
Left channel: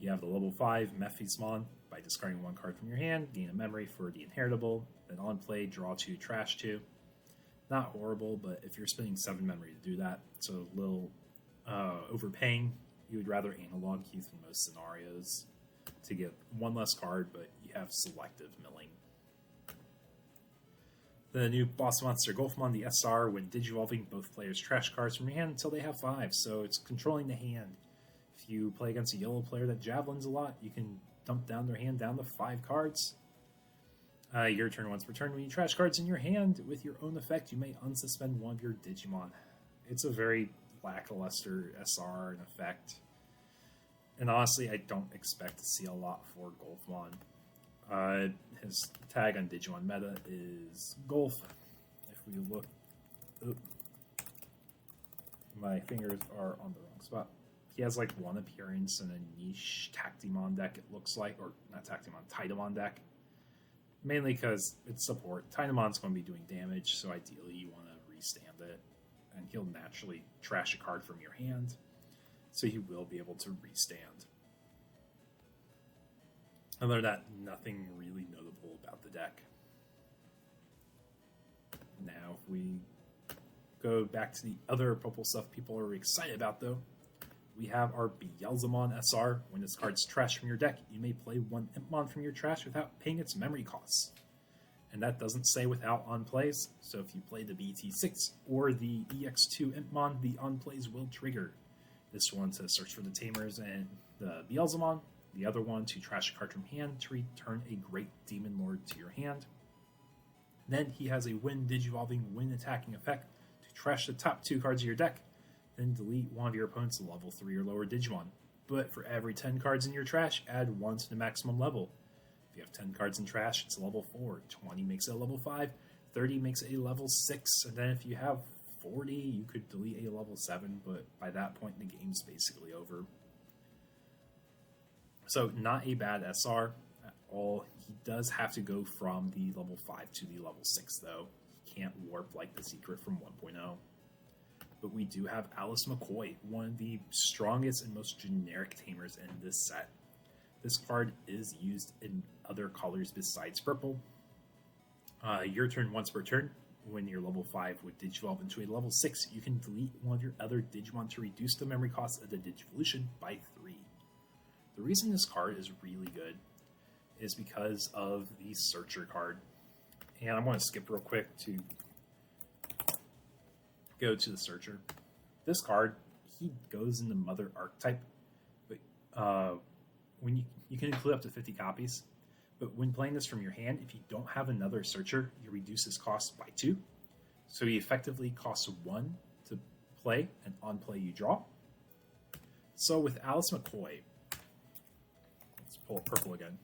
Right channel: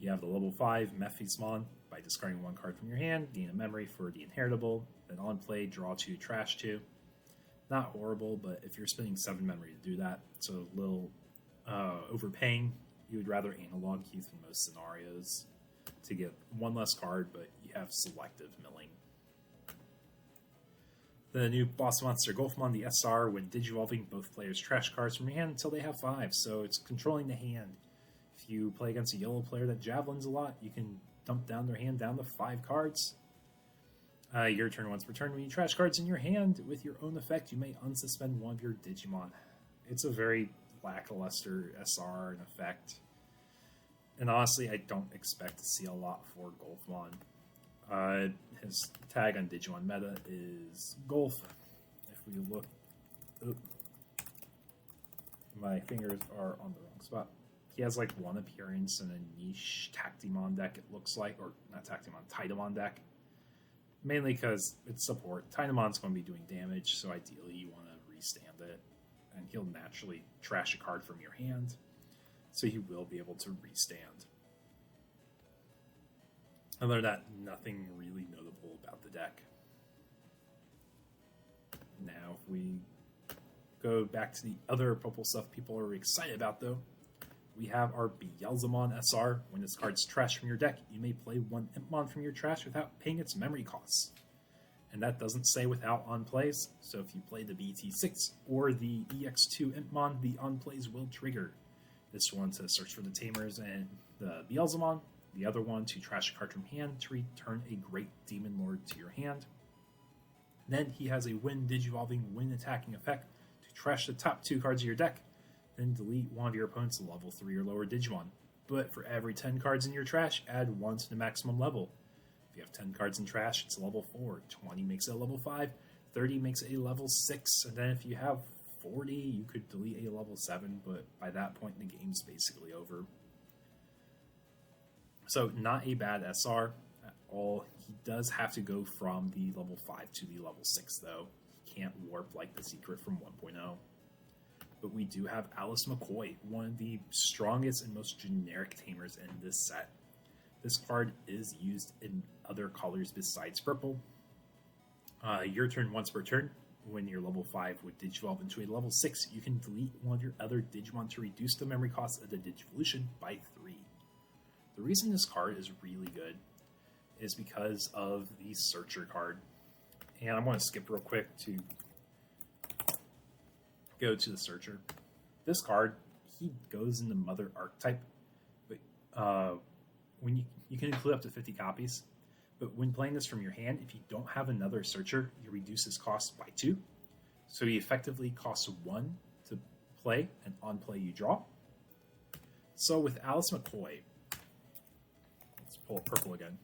You have the level 5 Mephismon. By discarding 1 card from your hand, gain a memory for the inheritable. Then on play, draw 2, trash 2. Not horrible, but if you're spending 7 memory to do that, it's a little overpaying. You would rather Analog Keys in most scenarios to get 1 less card, but you have selective milling. The new boss monster Golfmon, the SR, when Digivolving, both players trash cards from your hand until they have 5, so it's controlling the hand. If you play against a yellow player that you can dump down their hand down to 5 cards. Your turn once per turn. When you trash cards in your hand with your own effect, you may unsuspend 1 of your Digimon. It's a very lackluster SR and effect. And honestly, I don't expect to see a lot for Golfmon. His tag on Digimon meta is Golf. If we look... Oop. My fingers are on the wrong spot. He has like 1 appearance in a niche Tactimon deck, it looks like. Or not Tactimon, Titamon deck. Mainly because it's support. Tynamon's going to be doing damage, so ideally you want to restand it. And he'll naturally trash a card from your hand. So he will be able to restand. Other than that, nothing really notable about the deck. Now, if we go back to the other purple stuff people are excited about, though, we have our Beelzemon SR. When this card's trashed from your deck, you may play 1 Impmon from your trash without paying its memory costs. And that doesn't stay without unplays. So if you play the BT6 or the EX2 Impmon, the unplays will trigger. This one to search for the Tamers and the Beelzemon. The other one to trash a card from hand to return a Great Demon Lord to your hand. Then he has a when Digivolving, when attacking effect to trash the top 2 cards of your deck. Then delete one of your opponent's level 3 or lower Digimon. But for every 10 cards in your trash, add 1 to the maximum level. If you have 10 cards in trash, it's a level 4. 20 makes it a level 5. 30 makes it a level 6. And then if you have 40, you could delete a level 7. But by that point, the game's basically over. So not a bad SR at all. He does have to go from the level 5 to the level 6, though. He can't warp like the secret from 1.0. But we do have Alice McCoy, one of the strongest and most generic tamers in this set. This card is used in other colors besides purple. Your turn once per turn. When you're level 5 would Digivolve into a level 6, you can delete one of your other Digimon to reduce the memory cost of the Digivolution by 3. The reason this card is really good is because of the Searcher card. And I'm going to skip real quick to go to the Searcher. This card, he goes in the Mother Archetype, but when you can include up to 50 copies. But when playing this from your hand, if you don't have another Searcher, you reduce his cost by 2. So he effectively costs 1 to play, and on play you draw. So with Alice McCoy, let's pull up purple again.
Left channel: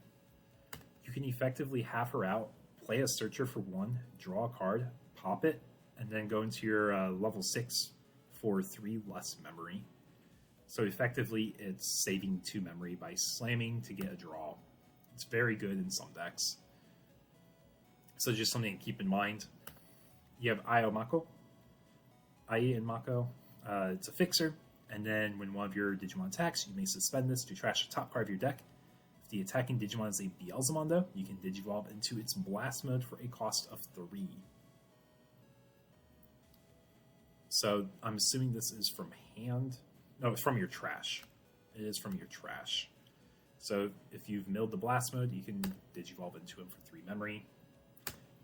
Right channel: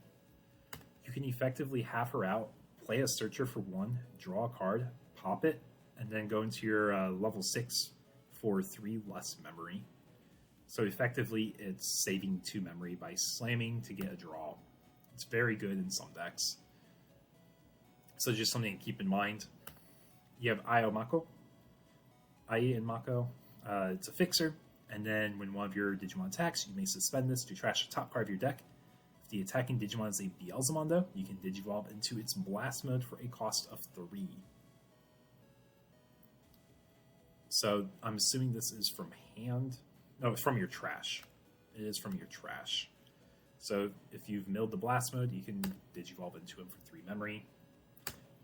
You can effectively have her out, play a Searcher for 1, draw a card, pop it, and then go into your level 6 for 3 less memory. So effectively, it's saving 2 memory by slamming to get a draw. It's very good in some decks. So just something to keep in mind. You have Ai and Mako. It's a fixer. And then when one of your Digimon attacks, you may suspend this to trash the top card of your deck. If the attacking Digimon is a Beelzemon, though, you can Digivolve into its Blast mode for a cost of 3. So I'm assuming this is from hand. No, from your trash. It is from your trash. So if you've milled the Blast mode, you can Digivolve into him for 3 memory.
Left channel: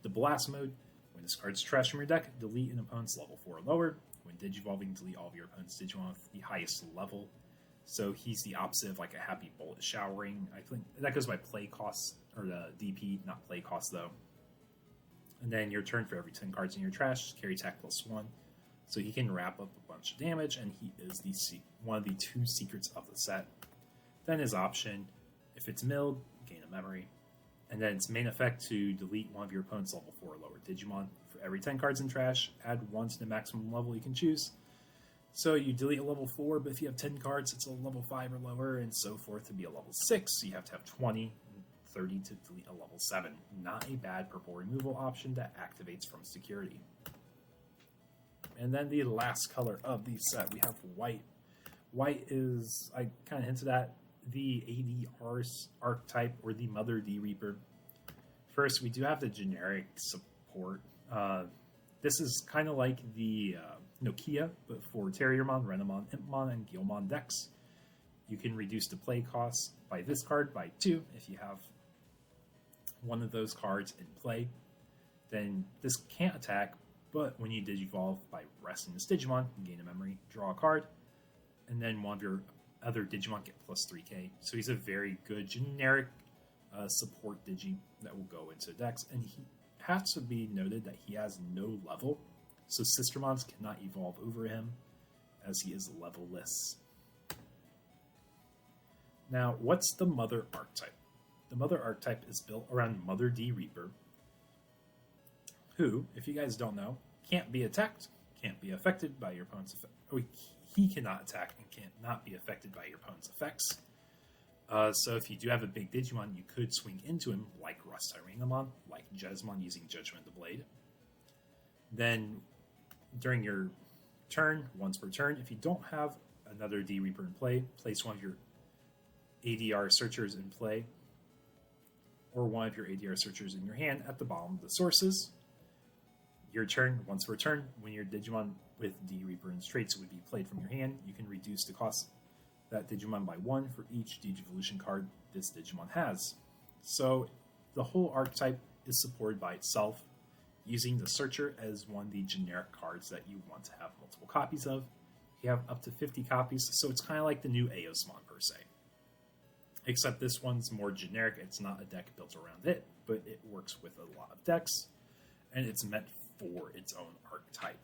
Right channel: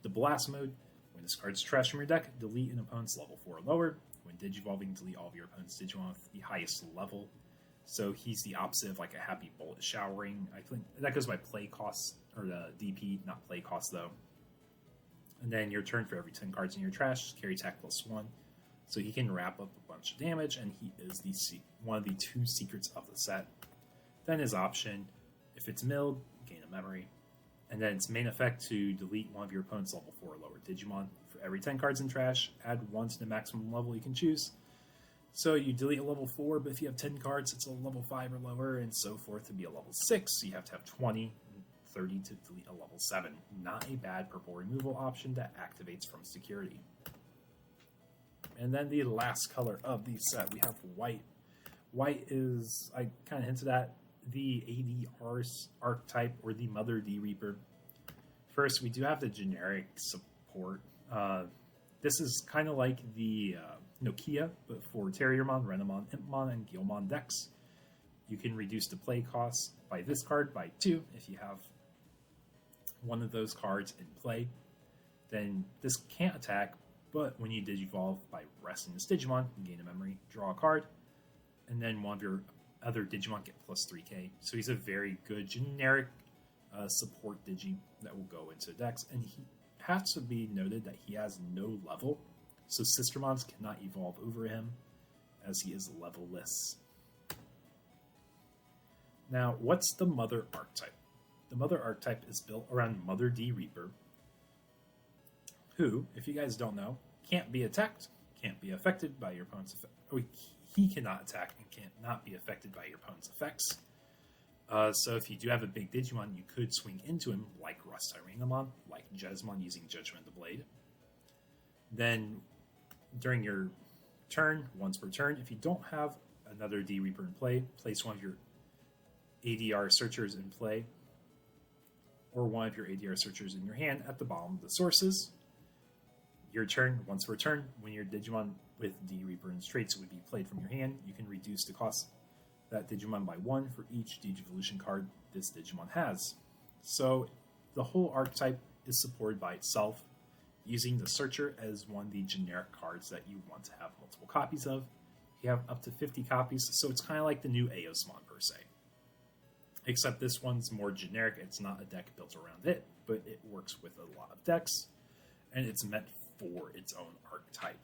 The Blast mode, when this card's trash from your deck, delete an opponent's level 4 and lower. When Digivolving, delete all of your opponent's Digimon at the highest level. So he's the opposite of like a Happy Bullet Showering. And that goes by play costs, or DP, not play costs though. And then your turn, for every 10 cards in your trash, carry attack +1. So he can wrap up a bunch of damage, and he is one of the 2 secrets of the set. Then his option, if it's milled, gain a memory. And then its main effect to delete one of your opponent's level 4 or lower Digimon. For every 10 cards in trash, add 1 to the maximum level you can choose. So you delete a level 4, but if you have 10 cards, it's a level 5 or lower, and so forth to be a level 6. So you have to have 20, 30 to delete a level 7. Not a bad purple removal option that activates from security. And then the last color of the set, we have white. White is kind of hints at the worst archetype or the Mother D Reboot. First, we do have the generic support. This is kind of like the Nokia, but for Terriermon, Renamon, Impmon, and Guilmon decks. You can reduce the play cost by this card by 2 if you have one of those cards in play. Then this can't attack, but when you Digivolve by resting this Digimon, you gain a memory, draw a card, and then one of your other Digimon get plus 3k. So he's a very good generic support Digi that will go into decks, and he has to be noted that he has no level, so Sistermons cannot evolve over him, as he is levelless. Now, what's the Mother Archetype? The Mother Archetype is built around Mother D Reaper, who, if you guys don't know, can't be attacked, can't be affected by your opponent's effect. He cannot attack and cannot be affected by your opponent's effects. So if you do have a big Digimon, you could swing into him, like Rest Arenamon, like Judgmon using Judgment the Blade. Then, during your turn, once per turn, if you don't have another D Reaper in play, place one of your ADR Searchers in play, or one of your ADR Searchers in your hand at the bottom of the sources. Your turn, once per turn, when your Digimon with D Reaper and traits would be played from your hand, you can reduce the cost of that Digimon by 1 for each Digivolution card this Digimon has. So the whole archetype is supported by itself, using the Searcher as one of the generic cards that you want to have multiple copies of. You have up to 50 copies, so it's kind of like the new AS person. Except this one's more generic. It's not a deck built around it, but it works with a lot of decks, and it's meant for its own archetype.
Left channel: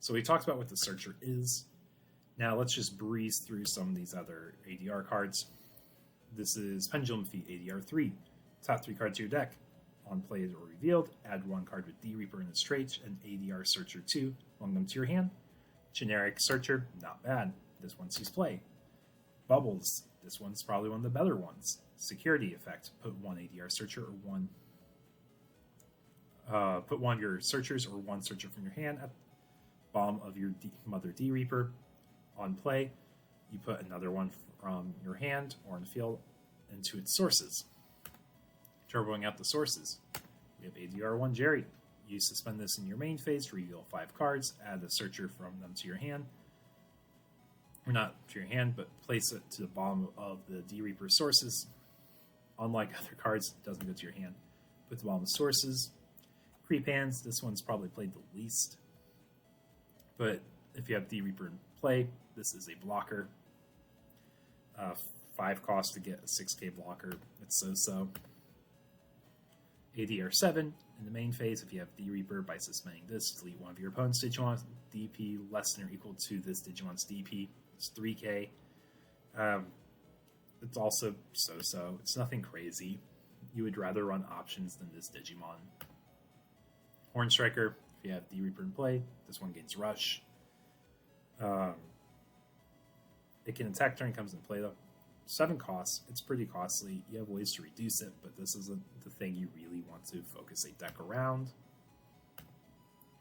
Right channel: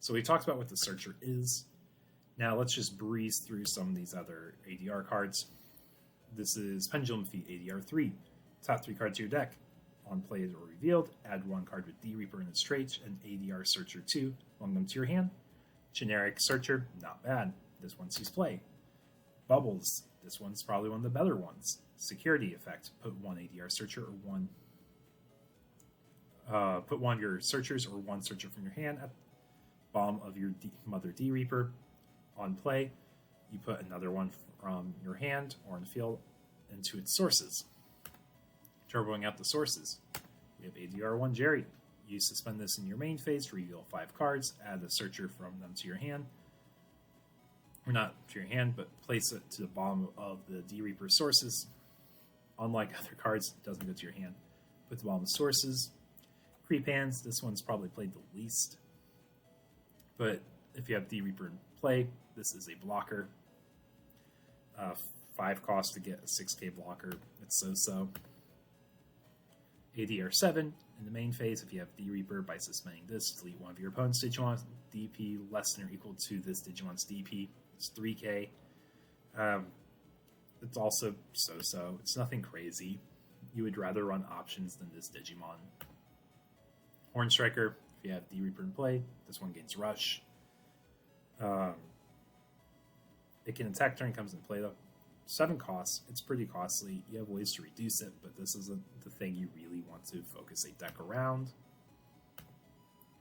So we talked about what the Searcher is. Now let's just breeze through some of these other ADR cards. This is Pendulum Feet ADR 3. Top 3 cards of your deck. On play or revealed, add 1 card with D Reaper in its trait and ADR Searcher 2. Generic Searcher, not bad. This one sees play. Bubbles, this one's probably one of the better ones. Security Effect, put 1 ADR Searcher or 1. Put 1 of your Searchers or 1 Searcher from your hand at the bottom of your Mother D Reaper. On play, you put another one from your hand on field into its sources. Turboing out the sources. We have ADR1 Jerry. You suspend this in your main phase to reveal 5 cards, add a Searcher from them to your hand. Or not to your hand, but place it to the bottom of the D Reaper sources. Unlike other cards, it doesn't go to your hand. Put the bottom of sources. Pre-pans, this one's probably played the least. But if you have D Reaper in play, this is a blocker. 6k blocker. It's so simple. ADR7 in the main phase, if you have D Reaper, by suspending this, delete 1 of your opponent's Digimon's DP less than or equal to this Digimon's DP. It's 3k. It's also so-so. It's nothing crazy. You would rather run options than this Digimon. Horn Striker, if you have D Reaper in play, this one gains Rush. It can attack turn, comes in play though. 7 costs. It's pretty costly. You have ways to reduce it, but this isn't the thing you really want to focus a deck around.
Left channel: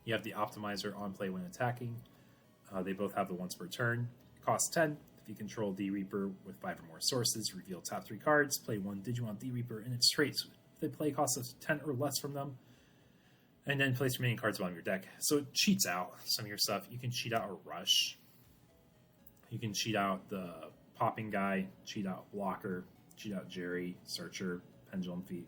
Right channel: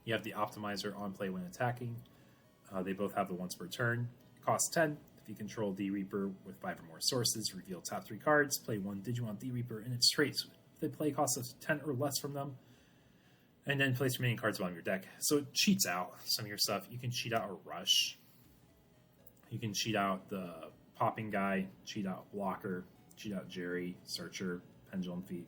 You have the Optimizer on play when attacking. They both have the once per turn. Cost 10. If you control D Reaper with 5 more sources, reveal top 3 cards, play 1 Digimon D Reaper in its traits. If they play cost of 10 or less from them, and then place remaining cards on your deck. So it cheats out stuff. You can cheat out a Rush. You can cheat out the Popping Guy, cheat out Blocker, cheat out Jerry, Searcher, Pendulum Feet.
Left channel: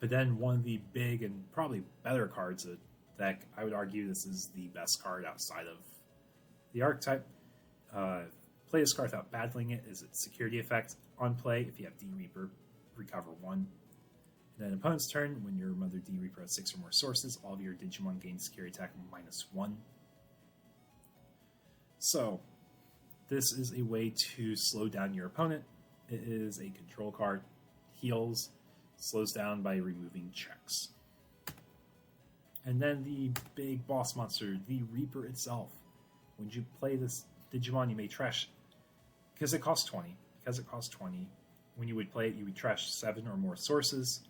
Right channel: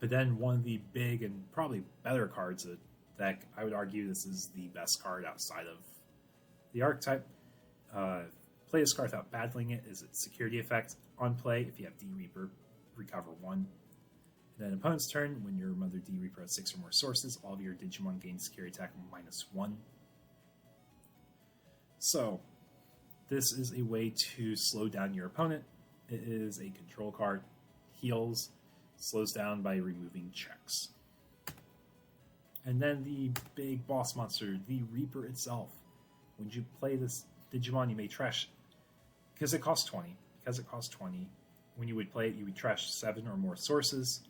But then one of the big and probably better cards of the deck, I would argue this is the best card outside of the Archetype. Play this card without battling it is its Security Effect. On play, if you have D Reaper, recover 1. And then opponent's turn, when your Mother D Reaper has 6 or more sources, all of your Digimon gain security attack -1. So, this is a way to slow down your opponent. It is a control card, heals, slows down by removing checks. And then the big boss monster, the Reaper itself. When you play this Digimon, you may trash, because it costs 20. When you would play it, you would trash 7 or more sources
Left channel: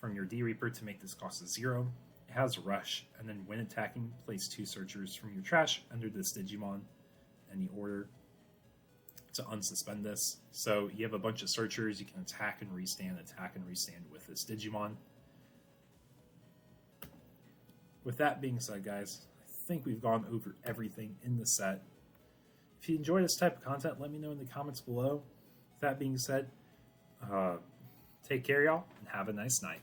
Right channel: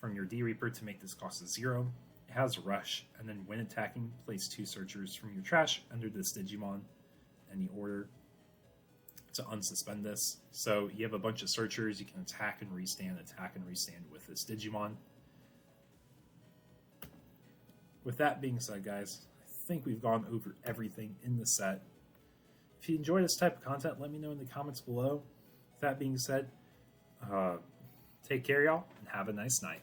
from your D Reaper to make this cost 0. It has Rush, and then when attacking, place 2 Searchers from your trash under this Digimon, any order, to unsuspend this. So you have a bunch of Searchers, you can attack and restand with this Digimon. With that being said, guys, I think we've gone over everything in the set. If you enjoy this type of content, let me know in the comments below. With that being said, take care, y'all, and have a nice night.